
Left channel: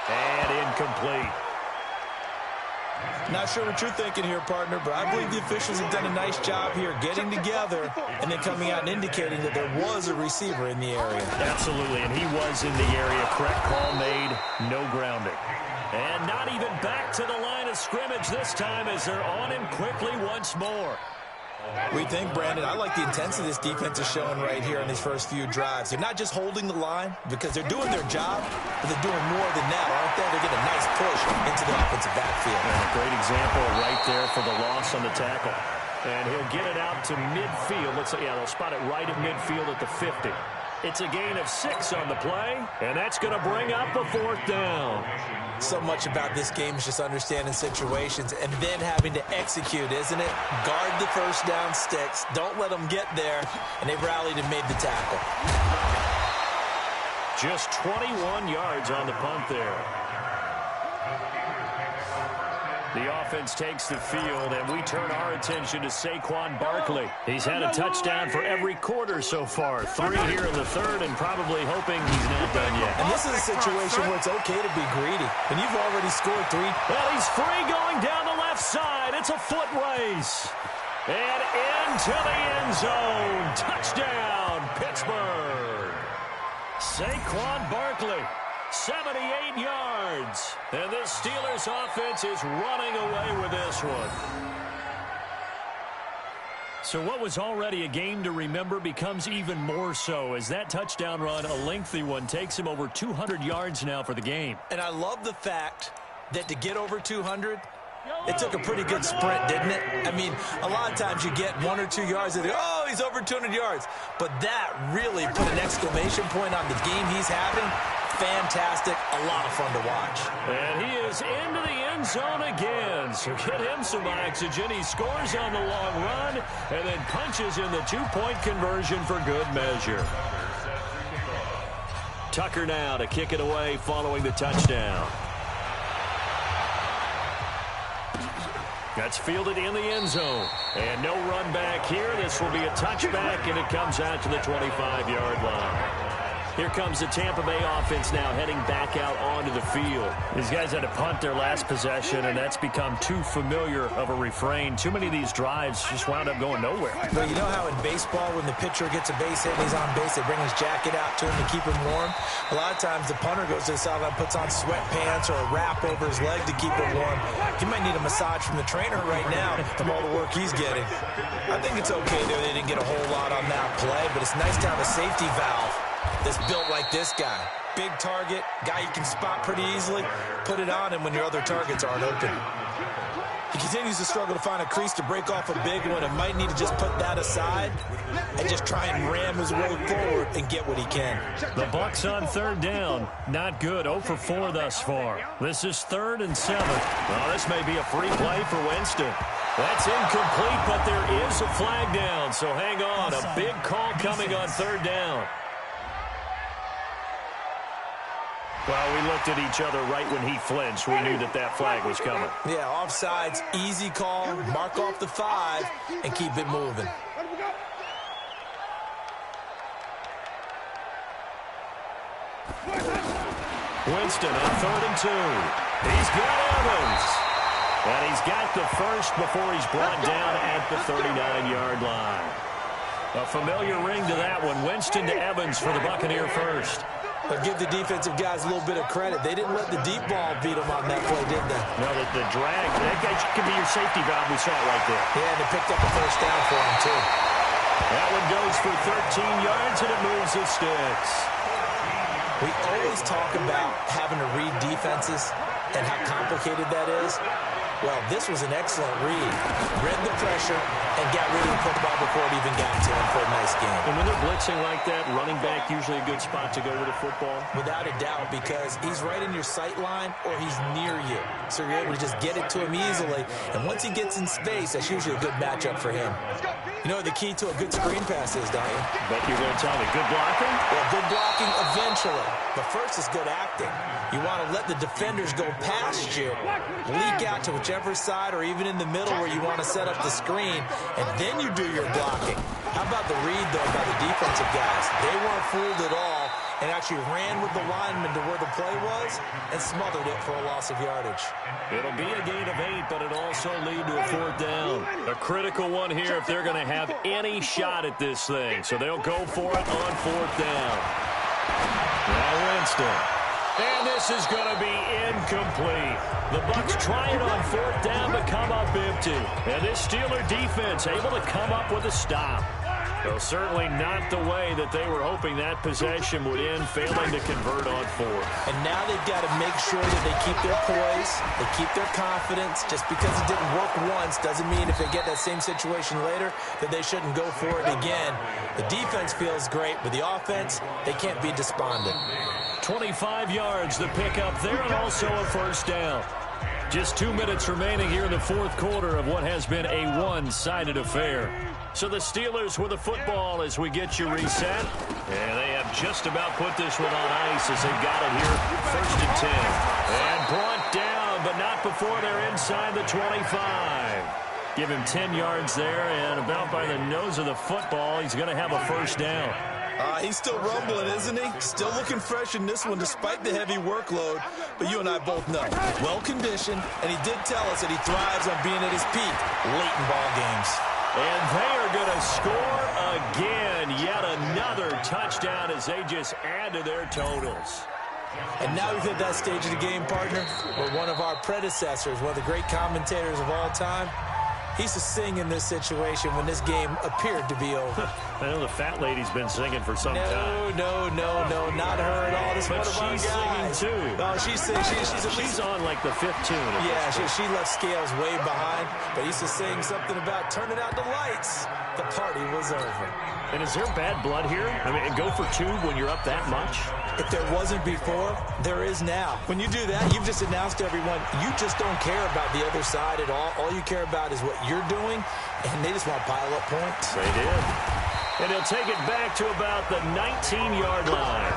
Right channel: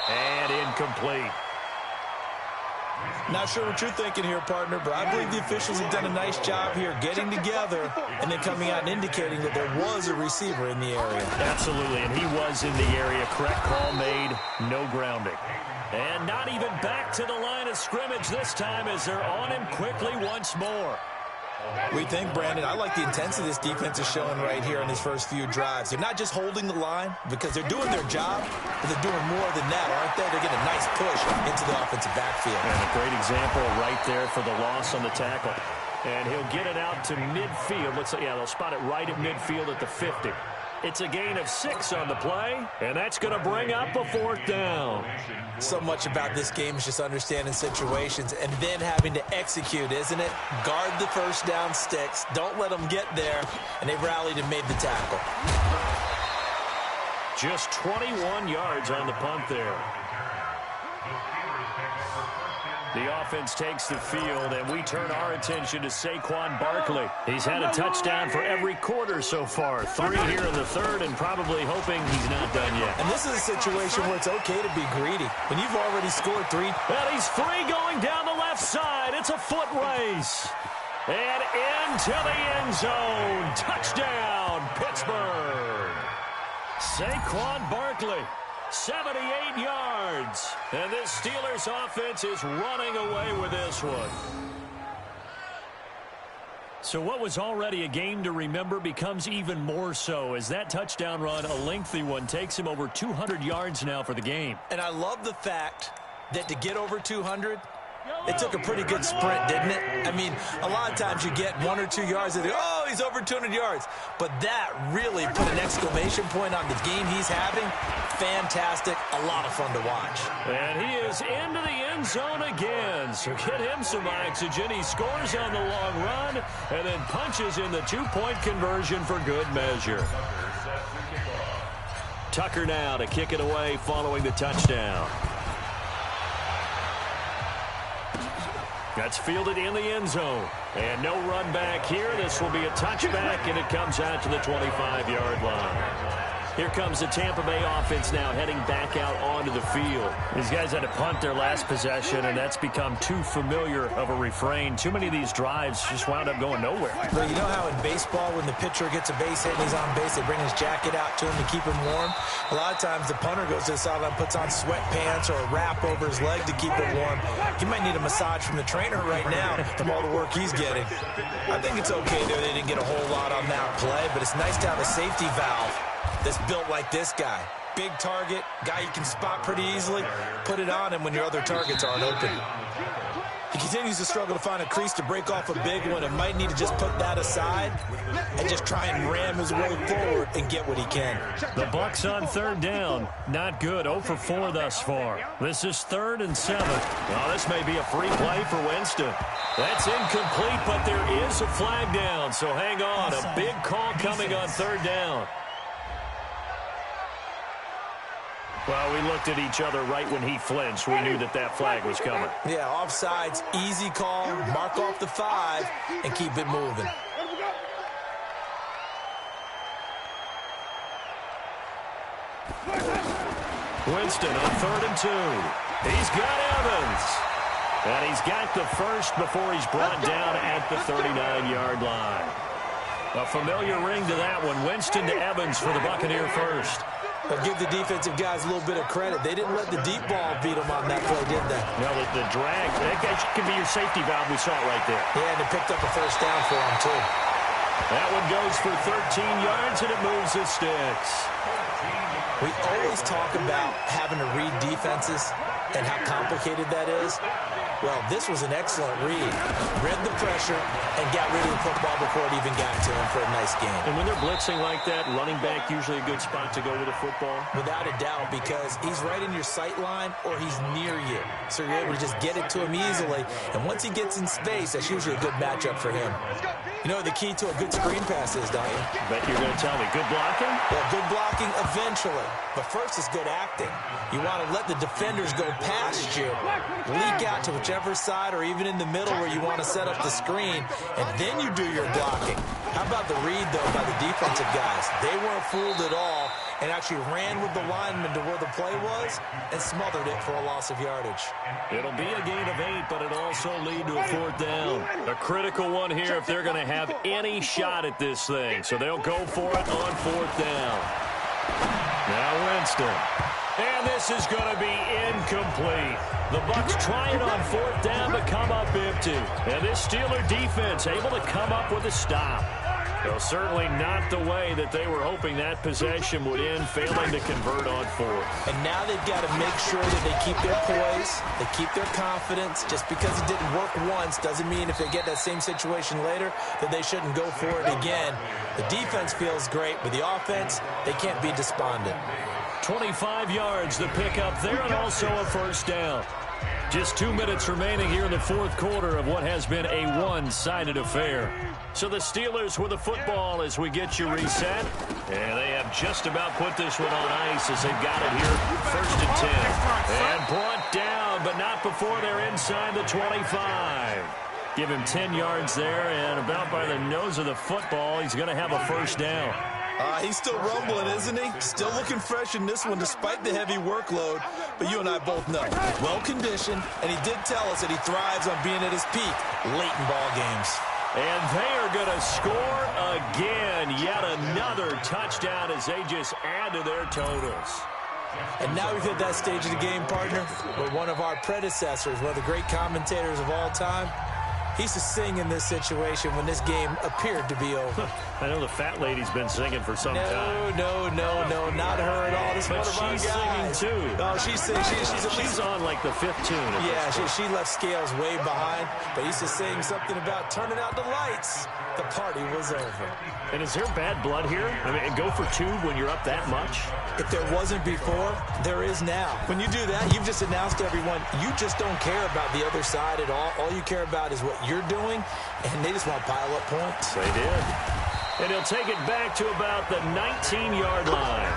And incomplete. Not sure what you're thinking here, partner, but I believe the officials have done a nice job here getting together and then coming out and indicating that there was a receiver in the area. Absolutely, and he was in the area. Correct call made, no grounding. And not even back to the line of scrimmage this time as they're on him quickly once more. We think, Brandon, I like the intensity this defense is showing right here on these first few drives. They're not just holding the line because they're doing their job, but they're doing more than that, aren't they? They're getting a nice push into the offensive backfield. And a great example right there for the loss on the tackle. And he'll get it out to midfield. Let's say, yeah, they'll spot it right at midfield at the 50. It's a gain of 6 on the play, and that's going to bring up a 4th down. So much about this game is just understanding situations and then having to execute, isn't it? Guard the 1st down sticks. Don't let them get there. And they've rallied and made the tackle. Just 21 yards on the punt there. The offense takes the field, and we turn our attention to Saquon Barkley. He's had a touchdown for every quarter so far. 3 here in the 3rd, and probably hoping he's not done yet. And this is a situation where it's okay to be greedy. When you've already scored 3. Well, he's free going down the left side. It's a foot race. And into the end zone. Touchdown, Pittsburgh. Saquon Barkley. 78 yards. And this Steelers offense is running away with this one. So what was already a game to remember becomes even more so as that touchdown run, a lengthy one, takes him over 200 yards now for the game. And I love the fact that to get over 200, it took a pretty good sprint, didn't it? I mean, a lot of times you get 1 or 2 yards and oh, he's over 200 yards. But that really put an exclamation point on the game he's having. Fantastic. A lot of fun to watch. And he is into the end zone again. So get him some oxygen. He scores on the long run and then punches in the 2-point conversion for good measure. Tucker now to kick it away following the touchdown. That's fielded in the end zone. And no run back here. This will be a touchback, and it comes out to the 25-yard line. Here comes the Tampa Bay offense now heading back out onto the field. These guys had to punt their last possession, and that's become too familiar of a refrain. Too many of these drives just wound up going nowhere. Well, you know how in baseball when the pitcher gets a base hit and he's on base, they bring his jacket out to him to keep him warm? A lot of times the punter goes to the sideline, puts on sweatpants or a wrap over his leg to keep him warm. He might need a massage from the trainer right now from all the work he's getting. I think it's okay, though. They didn't get a whole lot on that play, but it's nice to have a safety valve that's built like this guy. Big target, guy you can spot pretty easily. Put it on him when your other targets aren't open. He continues continues to struggle to find a crease to break off a big one and might need to just put that aside and just try and ram his way forward and get what he can. The Bucks on third down. Not good. 0 for 4 thus far. This is 3rd and 7. Well, this may be a free play for Winston. That's incomplete, but there is a flag down, so hang on. A big call coming on 3rd down. Well, we looked at each other right when he flinched. We knew that that flag was coming. Yeah, offsides, easy call, mark off the 5, and keep it moving. Winston on 3rd and 2. He's got Evans. And he's got the first before he's brought down at the 39-yard line. A familiar ring to that one. Winston to Evans for the Buccaneer first. But give the defensive guys a little bit of credit. They didn't let the deep ball beat them on that play, did they? No, the drag, that could be your safety valve. We saw it right there. Yeah, and they picked up a first down for him, too. That one goes for 13 yards, and it moves the sticks. We always talk about having to read defenses and how complicated that is. Well, this was an excellent read. Read the pressure and got rid of the football before it even got to him for a nice game. And when they're blitzing like that, running back usually a good spot to go with a football? Without a doubt, because he's right in your sight line or he's near you. So you're able to just get it to him easily. And once he gets in space, that's usually a good matchup for him. You know what the key to a good screen pass is, don't you? Bet you're going to tell me. Good blocking? Well, good blocking eventually. But first is good acting. You want to let the defenders go past you, leak out to whichever side or even in the middle where you want to set up the screen, and then you do your blocking. How about the read, though, by the defensive guys? They weren't fooled at all and actually ran with the lineman to where the play was and smothered it for a loss of yardage. It'll be a gain of 8, but it'll also lead to a 4th down. A critical one here if they're going to have any shot at this thing. So they'll go for it on 4th down. Now Winston. And this is going to be incomplete. The Bucks try it on 4th down, but come up empty. And this Steeler defense able to come up with a stop. Well, certainly not the way that they were hoping that possession would end, failing to convert on 4th. And now they've got to make sure that they keep their poise, they keep their confidence. Just because it didn't work once doesn't mean if they get that same situation later that they shouldn't go for it again. The defense feels great, but the offense, they can't be despondent. 25 yards to pick up there and also a 1st down. Just 2 minutes remaining here in the 4th quarter of what has been a one-sided affair. So the Steelers with the football as we get you reset. And they have just about put this one on ice as they've got it here. 1st and 10. And brought down, but not before they're inside the 25. Give him 10 yards there, and about by the nose of the football, he's going to have a 1st down. He's still rumbling, isn't he? Still looking fresh in this one despite the heavy workload. But you and I both know, well-conditioned, and he did tell us that he thrives on being at his peak late in ball games. And they are going to score again. Yet another touchdown as they just add to their totals. And now we've hit that stage of the game, partner, where one of our predecessors, one of the great commentators of all time, he used to sing in this situation when this game appeared to be over. I know the fat lady's been singing for some time. No, not her at all. This is one of our guys. But she's singing, too. No, she's singing. She's on, like, the 5th tune. Yeah, she left Scales way behind, but he used to sing something about turning out the lights. The party was over. And is there bad blood here? I mean, go for 2 when you're up that much? If there wasn't before, there is now. When you do that, you've just announced to everyone, you just don't care about the other side at all. All you care about is what you're doing, and they just want to pile up points. They did. And he'll take it back to about the 19-yard line.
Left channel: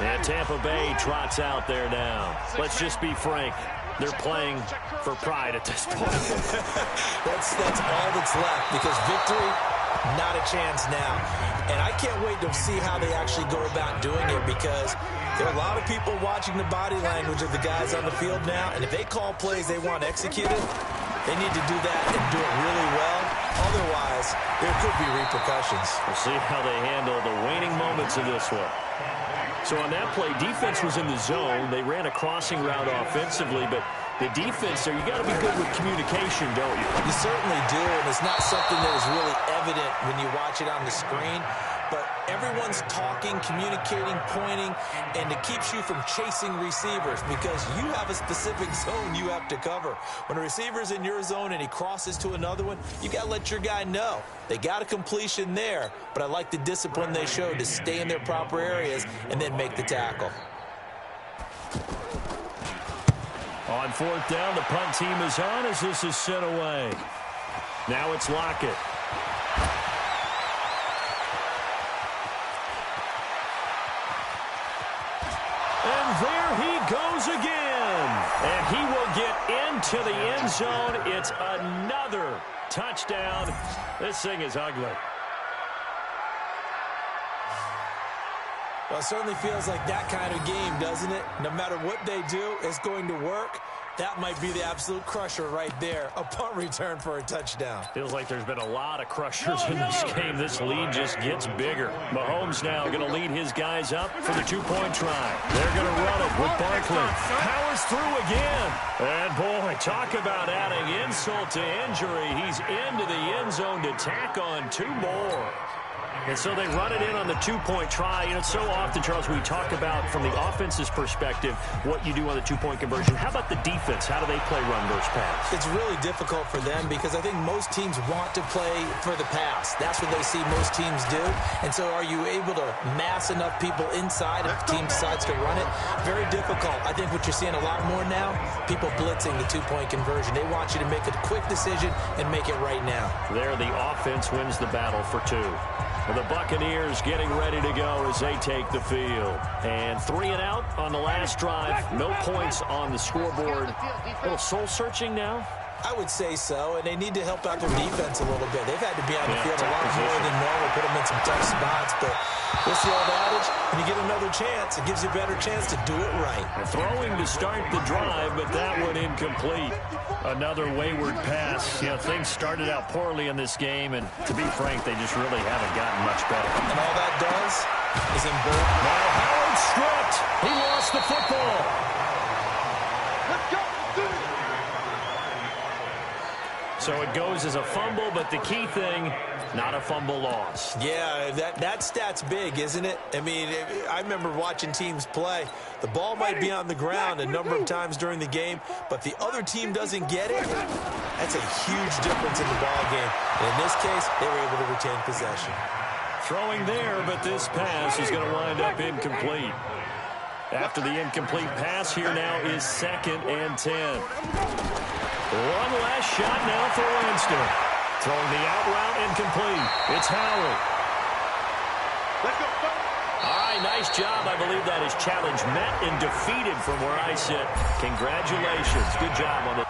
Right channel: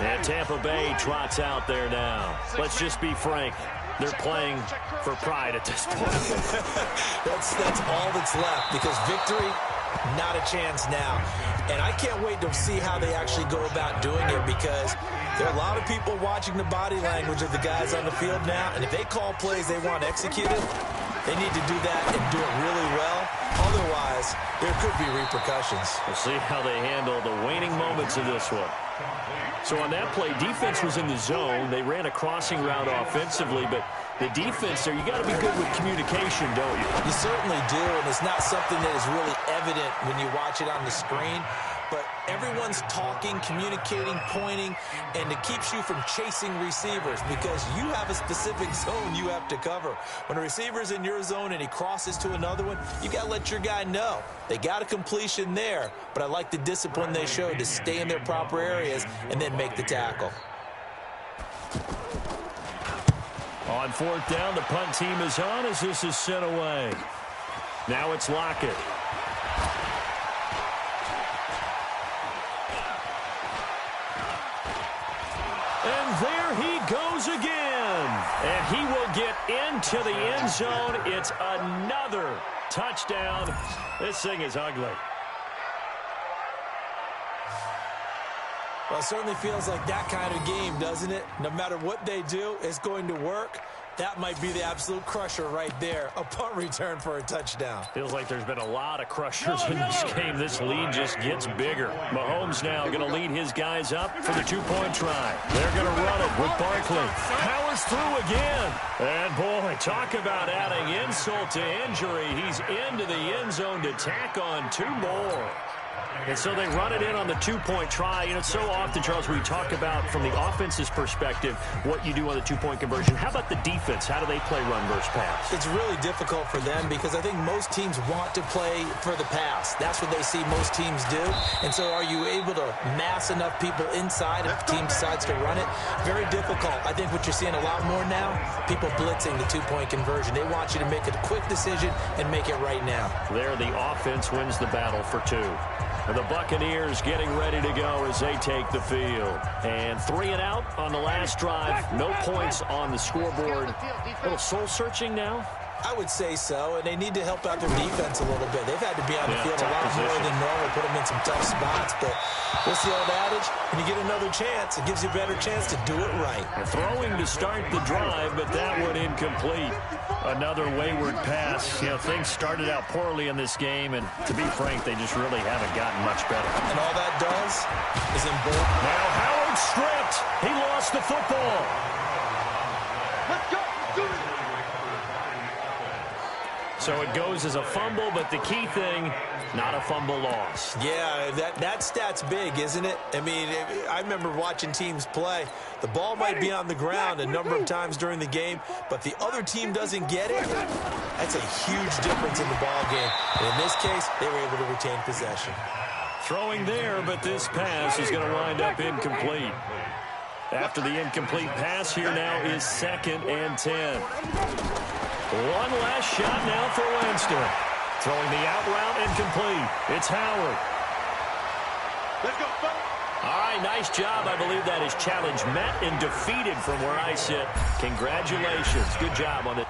And Tampa Bay trots out there now. Let's just be frank. They're playing for pride at this point. That's all that's left, because victory, not a chance now. And I can't wait to see how they actually go about doing it, because there are a lot of people watching the body language of the guys on the field now, and if they call plays they want executed, they need to do that and do it really well. Otherwise, there could be repercussions. We'll see how they handle the waning moments of this one. So on that play, defense was in the zone. They ran a crossing route offensively, but The defense there, you got to be good with communication, don't you? You certainly do, and it's not something that is really evident when you watch it on the screen. But everyone's talking, communicating, pointing, and it keeps you from chasing receivers because you have a specific zone you have to cover. When a receiver's in your zone and he crosses to another one, you got to let your guy know. They got a completion there, but I like the discipline they showed to stay in their proper areas and then make the tackle. On fourth down, the punt team is on as this is sent away. Now it's Lockett. And there he goes again. And he will get into the end zone. It's another touchdown. This thing is ugly. Well, it certainly feels like that kind of game, doesn't it? No matter what they do, it's going to work. That might be the absolute crusher right there. A punt return for a touchdown. Feels like there's been a lot of crushers in this game. This lead just gets bigger. Mahomes now going to lead his guys up for the two-point try. They're going to run it with Barkley. Powers through again. And, boy, talk about adding insult to injury. He's into the end zone to tack on two more. And so they run it in on the two-point try. You know, so often, Charles, we talk about from the offense's perspective what you do on the two-point conversion. How about the defense? How do they play run versus pass? It's really difficult for them because I think most teams want to play for the pass. That's what they see most teams do. And so are you able to mass enough people inside if the team decides to run it? Very difficult. I think what you're seeing a lot more now, people blitzing the two-point conversion. They want you to make a quick decision and make it right now. There, the offense wins the battle for two. The Buccaneers getting ready to go as they take the field. And 3 and out on the last drive. No points on the scoreboard. A little soul-searching now? I would say so, and they need to help out their defense a little bit. They've had to be on the field a lot more than normal, put them in some tough spots. But what's the old adage? When you get another chance, it gives you a better chance to do it right. Throwing to start the drive, but that one incomplete. Another wayward pass. You know, things started out poorly in this game, and to be frank, they just really haven't gotten much better. And all that does is embolden. Now Howard stripped. He lost the football. Let's go. Do it. So it goes as a fumble, but the key thing, not a fumble loss. Yeah, that stat's big, isn't it? I mean, I remember watching teams play. The ball might be on the ground a number of times during the game, but the other team doesn't get it. That's a huge difference in the ball game. And in this case, they were able to retain possession. Throwing there, but this pass is going to wind up incomplete. After the incomplete pass, here now is 2nd and 10. One last shot now for Winston. Throwing the out route incomplete. It's Howard. Let's go. All right, nice job. I believe that is challenge met and defeated from where I sit. Congratulations. Good job on it.